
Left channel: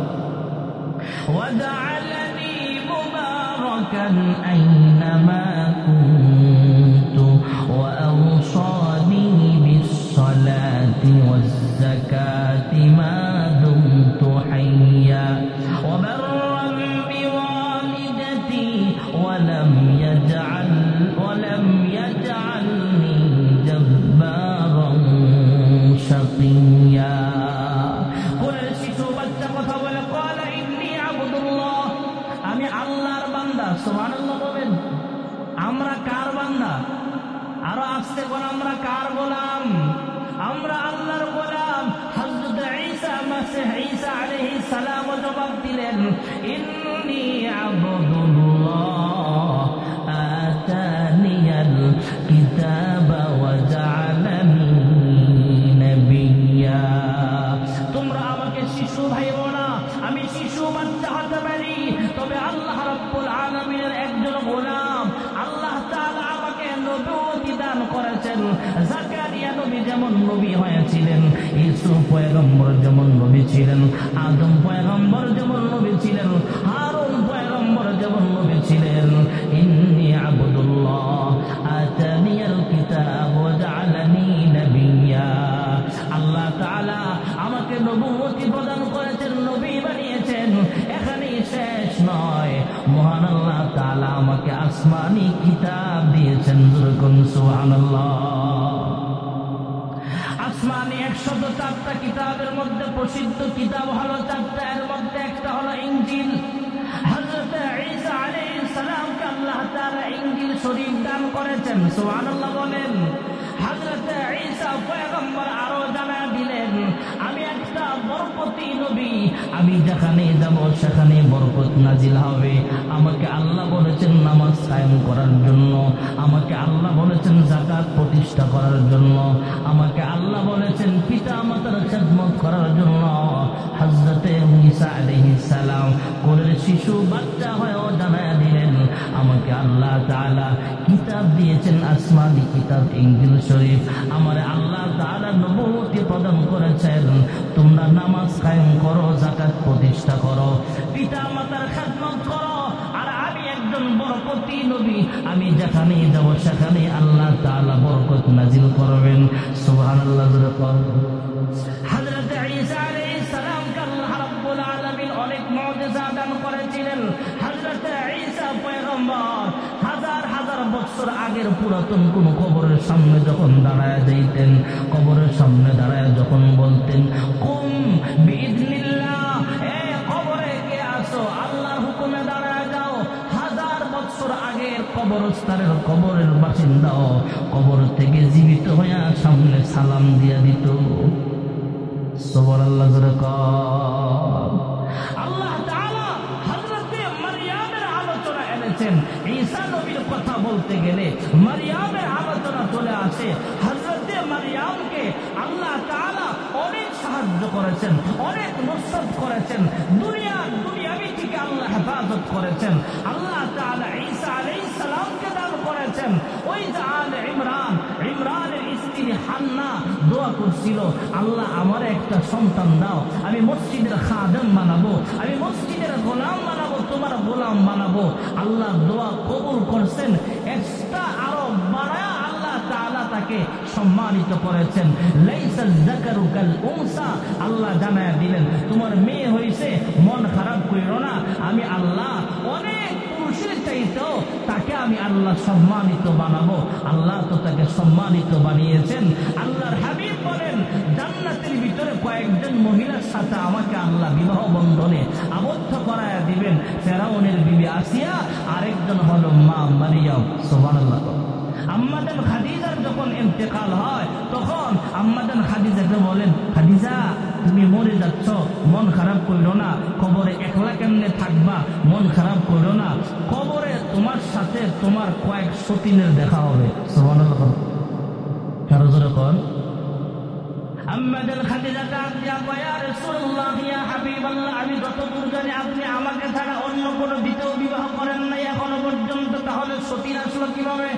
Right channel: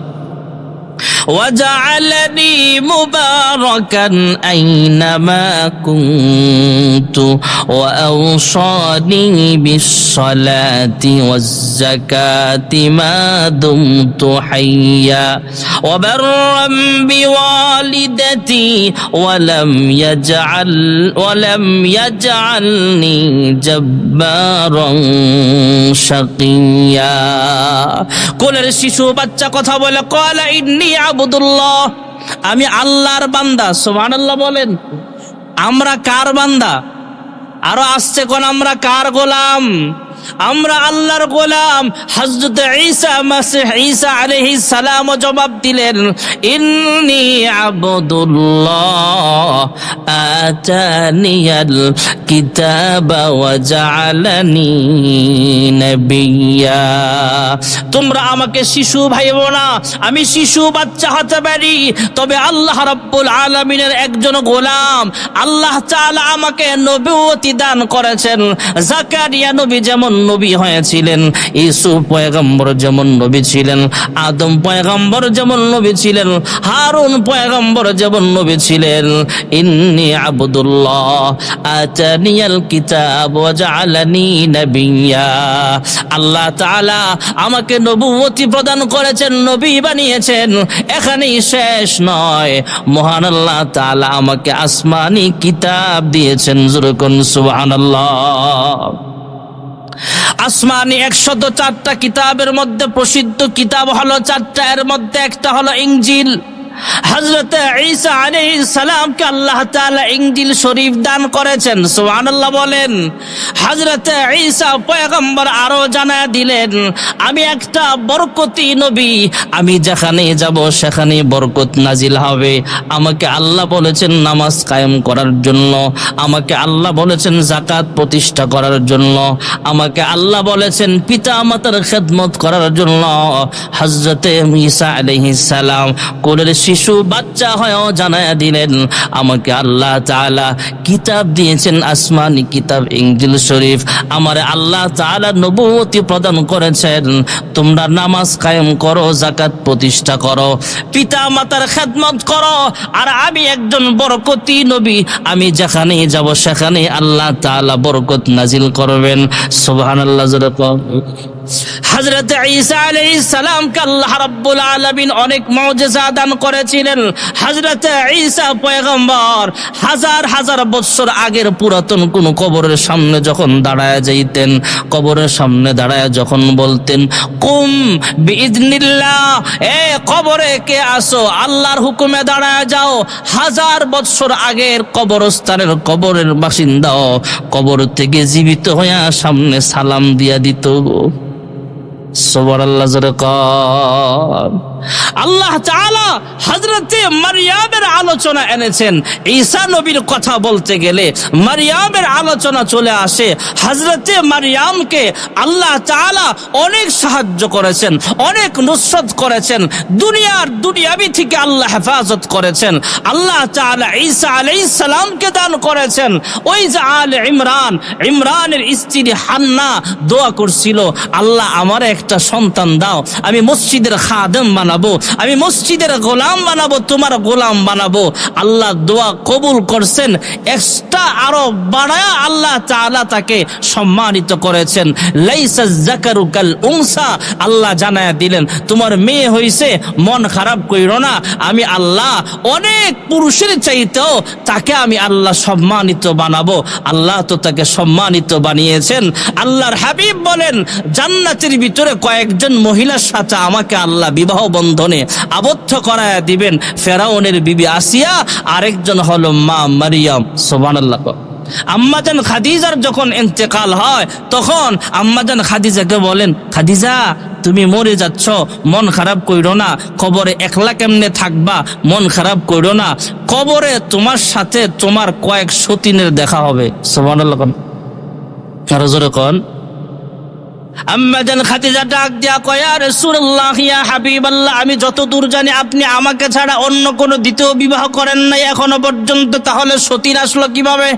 وجعلني مباركا أينما كنت وأوصاني بالصلاة والزكاة ما دمت حيا وبرا بوالدتي ولم يجعلني جبارا شقيا। কোলের শিশু বাচ্চা কথা বলে কলা ইন্নী আবুদুল্লাহ, আমি আল্লাহর বান্দা। সুবহানাল্লাহ বলেন। আমরা কার বান্দা? আরো আসছে কোন আমরা কার গোলাম? আমরা আল্লাহর গোলাম। হযরত ঈসা মাসিহ ঈসা আলাইহিস সালাম জবাব দিলেন, ইন্নী আবদুল্লাহ আতানিয়াল কিতাবা ওয়া জাআলানি নাবিয়্যা। তোমরা আমাকে শিশু ভাইবো না, আমি শিশু বাচ্চা হতে পারি, তবে আল্লাহ রাব্বুল আলামিনের একজন গোলাম। আল্লাহ তাআলা আমাকে নবুয়তি দান করেছেন। জাকারিয়া নবী যেমন নবী হয়েছিলেন, ইউসুফ পয়গম্বর যেমন নবী ছিলেন, আদম পয়গম্বর যেমন নবী ছিলেন, হারুন পয়গম্বর যেমন নবী ছিলেন। ইন্নী আবদুল্লাহ আতানিয়াল কিতাব ওয়া জাআলানি নাবিয়্যা। আল্লাহ তাআলা আমাকে নবুয়তি প্রদান করেছেন, নবী বানিয়েছেন। এখানেই শেষ নয়, মহান আল্লাহ তাআলা আমাকে আসমানি কিতাব দিয়েছেন। যুরকুন সুবহানাল্লাহ। আসমানি 104টা কিতাবের মধ্যে প্রসিদ্ধ কিতাব হলো 4টা, এর মধ্যে একটা হলো ইনজিল। হযরত ঈসা আলাইহিস সালামকে আল্লাহ তাআলা ইনজিল শরীফ দান করেছেন। সুবহানাল্লাহ বলেন। হযরত ঈসা পয়গম্বর আরো জানায় দিলেন, আমি একটা বরকতি নবী, আমি যেখানে যাব সেখানে বরকত নাজিল হবে। আমাকে আল্লাহ বলেছেন নামাজ কায়েম করার জন্য, আমাকে আল্লাহ বলেছেন যাকাত প্রতিষ্ঠা করার জন্য, আমাকে আল্লাহ বলেছেন পিতা মাতার খেদমত করার জন্য। হযরত ঈসা আলাইহিস সালাম কোলের শিশু বাচ্চা হয়েও জানায়া দিলেন, আমাকে আল্লাহ তাআলা কিতাব দিয়েছেন, আসমানি কিতাব ইনজিল শরীফ। আমারে আল্লাহ তাআলা নবুয়তি প্রদান করেছেন, তোমরা নামাজ কায়েম করো, যাকাত প্রতিষ্ঠা করো, পিতা মাতার খেদমত করো। আর আমি একজন বরকতি নবী, আমি যেখানে যাব সেখানে আল্লাহ তাআলা বরকত নাজিল করবেন। সুবহানাল্লাহ। হযরত ঈসা আলাইহিস সালামকে আল্লাহ রাব্বুল আলামিন অনেক মুজিজা দান করেছিলেন। হযরত ঈসা পয়গম্বর হাজার হাজার বছর আগের পুরাতন কোন কবরের সামনে যখন দাঁড়ায় যাইতেন, কবরের সামনে দাঁড়ায় যখন বলতেন কুম বিইذনিল্লাহ, এ কবরে কে আসো, আল্লাহর হুকুমে দাঁড়ায় যাও। হাজার বছর আগের কবরস্থানের কবরের বাসিন্দাও কবর থেকে জীবিত হয়ে সামনে সালাম দিয়া দিত। সুবহানাল্লাহ। আল্লাহ তাআলা হযরতে মারইয়ামের আলোচনা এনেছেন। ঈসা নবীর কথা বলতে গেলে মারইয়ামের আলোচনা চলে আসে। হযরতে মারইয়ামকে আল্লাহ তাআলা অনেক সাহায্য করেছেন, অনেক নুসরত করেছেন, দুনিয়াবি থেকে আল্লাহ হেফাজত করেছেন। আল্লাহ তাআলা ঈসা আলাইহিস সালামকে দান করেছেন। ওই যে আলে ইমরানের স্ত্রী হান্না দোয়া করছিল, আল্লাহ আমার একটা সন্তান দাও, আমি মসজিদের খাদেম বানাবো, আমি মসজিদের গোলাম বানাবো, তোমার গোলাম বানাবো। আল্লাহ দোয়া কবুল করছেন, এক্সট্রা আরো বাড়ায়া আল্লাহ তাআলা তাকে সম্মানিত করেছেন। লাইসা যাকারু কাল উনসা, আল্লাহ জানায়া দিলেন তোমার মেয়ে হইছে, মন খারাপ কইরো না, আমি আল্লাহ অনেক পুরুষের চাইতেও তাকে আমি আল্লাহ সম্মানিত বানাবো। আল্লাহ তো তাকে সম্মানিত বানিয়েছেন। আল্লাহর হাবিব বলেন জান্নাতের ভিতরে কয়েকজন মহিলার সাথে আমাকে আল্লাহ বিবাহ বন্ধনে আবদ্ধ করায়া দিবেন। ফেরাউনের বিবি আসিয়া, আরেকজন হলো মা মারিয়াম। সুবহানাল্লাহ। আম্মাজান খাদিজার যখন ইন্তেকাল হয় তখন আম্মাজান খাদিজাকে বলেন, খাদিজা তুমি মরে যাচ্ছ, মন খারাপ কইরো না, কবরে একলা কেমনে থাকবা, মন খারাপ কইরো না, কবরে তোমার সাথে তোমার কয়েক সতীনের দেখা হবে। সুবহানাল্লাহ। কারো জোরে কোন। আম্মা জান খাদিজা ডাক দিয়া কয়, ইয়া রাসূলুল্লাহ, ইয়া হাবিবাল্লাহ, আমি যতদূর জানি আপনি আমাকে ছাড়া অন্য কোনো দ্বিতীয় বিবাহ করেন নাই এখনো পর্যন্ত, তাহলে সতীর আসলো কিভাবে?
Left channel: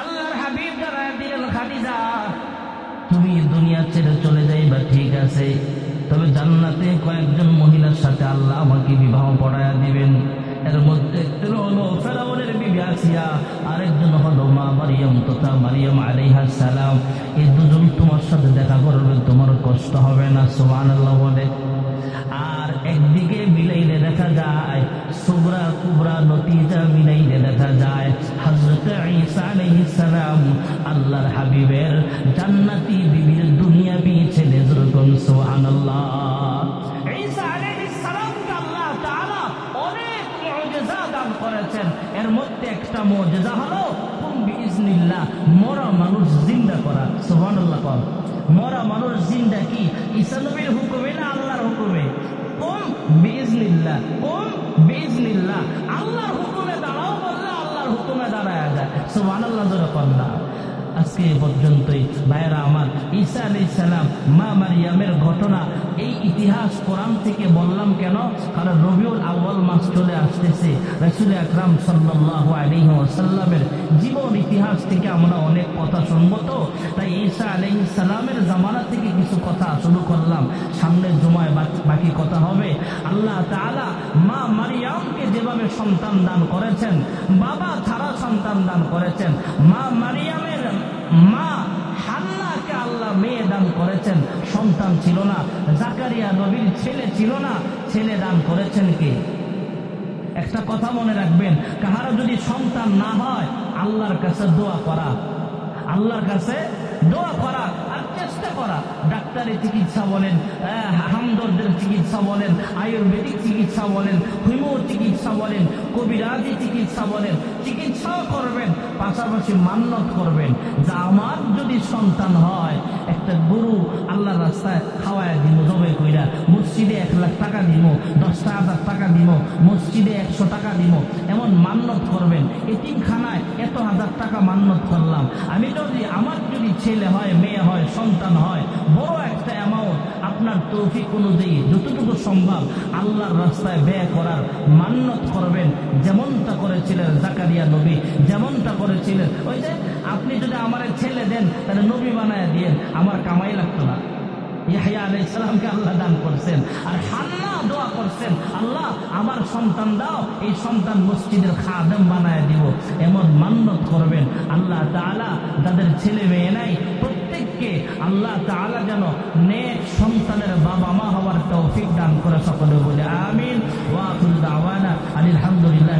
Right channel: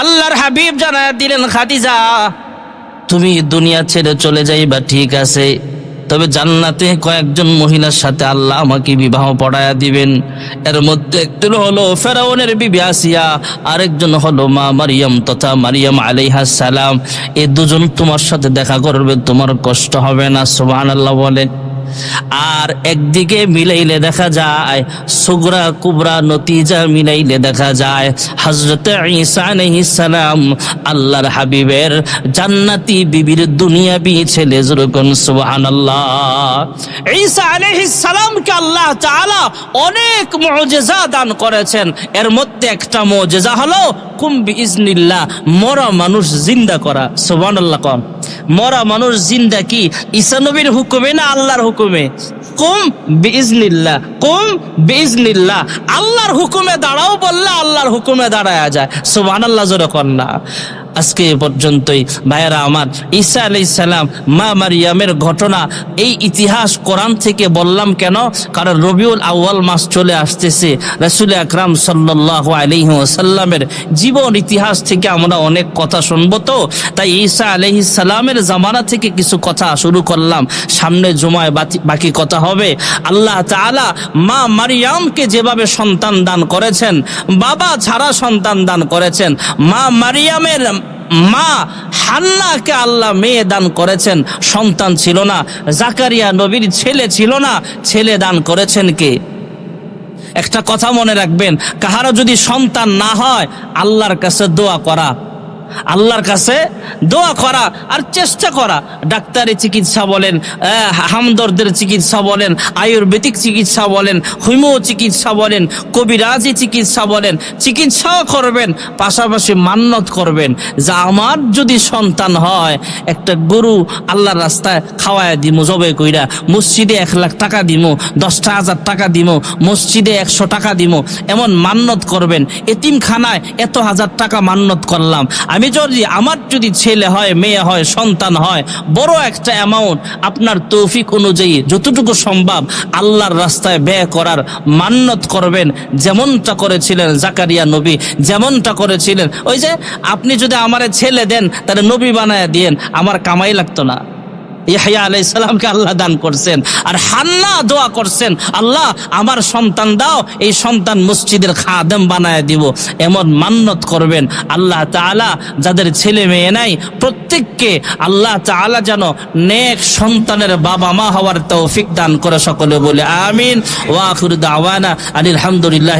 আল্লাহর হাবিব জানায়া দিলেন, খাদিজা তুমি দুনিয়া ছেড়ে চলে যাইবা ঠিক আছে, তবে জান্নাতে কয়েকজন মহিলার সাথে আল্লাহ আমাকে বিবাহ পড়ায়া দিবেন। এর মধ্যে একজন হলো ফেরাউনের বিবি আসিয়া, আরেকজন হলো মা মারিয়াম তথা মারিয়াম আলাইহিস সালাম। এই দুজন তোমার সাথে দেখা করবে, তোমার কষ্ট হবে না। সুবহানাল্লাহ বলে। আর একদিকে মিলাইলে দেখা যায়, সুগরা কুবরা নতিজা মিলাইলে দেখা যায় হযরতে ঈসা আলাইহিস সালাম আল্লাহর হাবিবের জান্নাতি বিবির দুনিয়াবি ছেলে। যেরকম সুবহানাল্লাহ। ঈসা আলাইহিস সালামকে আল্লাহ তাআলা অনেক মুজিজা দান করেছেন। এর মধ্যে একটা মুজিজা হলো কুম বিইজনিল্লাহ, মরা মানুষ জিন্দা করা। সুবহানাল্লাহ। কোন মরা মানুষ জিন্দা কি ঈসা নবীর হুকুমে না আল্লাহর হুকুমে? কুম বিইজনিল্লাহ, কুম বিইজনিল্লাহ। আল্লাহর হুকুমে দাঁড়াও বললে আল্লাহর হুকুমে দাঁড়ায়া যায়। সুবহানাল্লাহ জোরে কোন না। আজকে পর্যন্তই ভাইয়েরা আমার, ঈসা আলাইহিস সালাম মা মারিয়ামের ঘটনা, এই ইতিহাস কোরআন থেকে বললাম কেন? কারণ রবিউল আউয়াল মাস চলে আসতেছে। রাসূল আকরাম সাল্লাল্লাহু আলাইহি ওয়াসাল্লামের জীবন ইতিহাস থেকে আমরা অনেক কথা শুনবো, তো তাই ঈসা আলাইহিস সালামের জামানা থেকে কিছু কথা শুরু করলাম। সামনে জুমায় বাকি কথা হবে। আল্লাহ তাআলা মা মারিয়ামকে যেভাবে সন্তান দান করেছেন, বাবা ছাড়া সন্তান দান করেছেন, মা মারিয়ামের মা হান্নাকে আল্লাহ মেয়ে দান করেছেন, সন্তান ছিল না। জাকারিয়া নবীর ছেলে ছিল না, ছেলে দান করেছেন কে? একটা কথা মনে রাখবেন, কাহারও যদি সন্তান না হয় আল্লাহর কাছে দোয়া করা, আল্লাহর কাছে দোয়া করা আর চেষ্টা করা। ডাক্তারি চিকিৎসা বলেন, হামদর্দের চিকিৎসা বলেন, আয়ুর্বেদিক চিকিৎসা বলেন, হোমিও চিকিৎসা বলেন, কবিরাজি চিকিৎসা বলেন, চিকিৎসাও করবেন, পাশাপাশি মান্নত করবেন যে আমার যদি সন্তান হয় একটা গরু আল্লাহর রাস্তায় খাওয়ায় দিমু, জবে কইরা মসজিদে 1 লাখ টাকা দিমু, 10,000 টাকা দিমু, মসজিদে 100 টাকা দিমু, এমন মান্নত করবেন। এতিমখানায় এত হাজার টাকা মান্নত করলাম। আমি যদি আমার যদি ছেলে হয়, মেয়ে হয়, সন্তান হয়, বড় একটা অ্যামাউন্ট আপনার তৌফিক অনুযায়ী যতটুকু সম্ভব আল্লাহর রাস্তায় ব্যয় করার মান্নত করবেন, যেমনটা করেছিলেন জাকারিয়া নবী, যেমনটা করেছিলেন। ওই যে আপনি যদি আমারে ছেলে দেন তাহলে নবী বানায় দিয়েন, আমার কামাই লাগতো না। ইয়াহইয়া আলাইহিস সালামকে আল্লাহ দান করছেন। আর হান্না দোয়া করছেন, আল্লাহ আমার সন্তান দাও, এই সন্তান মসজিদের খাদেম বানায় দিব, এমন মান্নত করবেন। আল্লাহ তাআলা যাদের ছেলে মেয়ে নাই প্রত্যেককে আল্লাহ তাআলা যেন নেক সন্তানের বাবা মা হওয়ার তৌফিক দান করে। সকলে বলে আমিন। ওয়া আখিরু দাওয়ানা আলহামদুলিল্লাহ।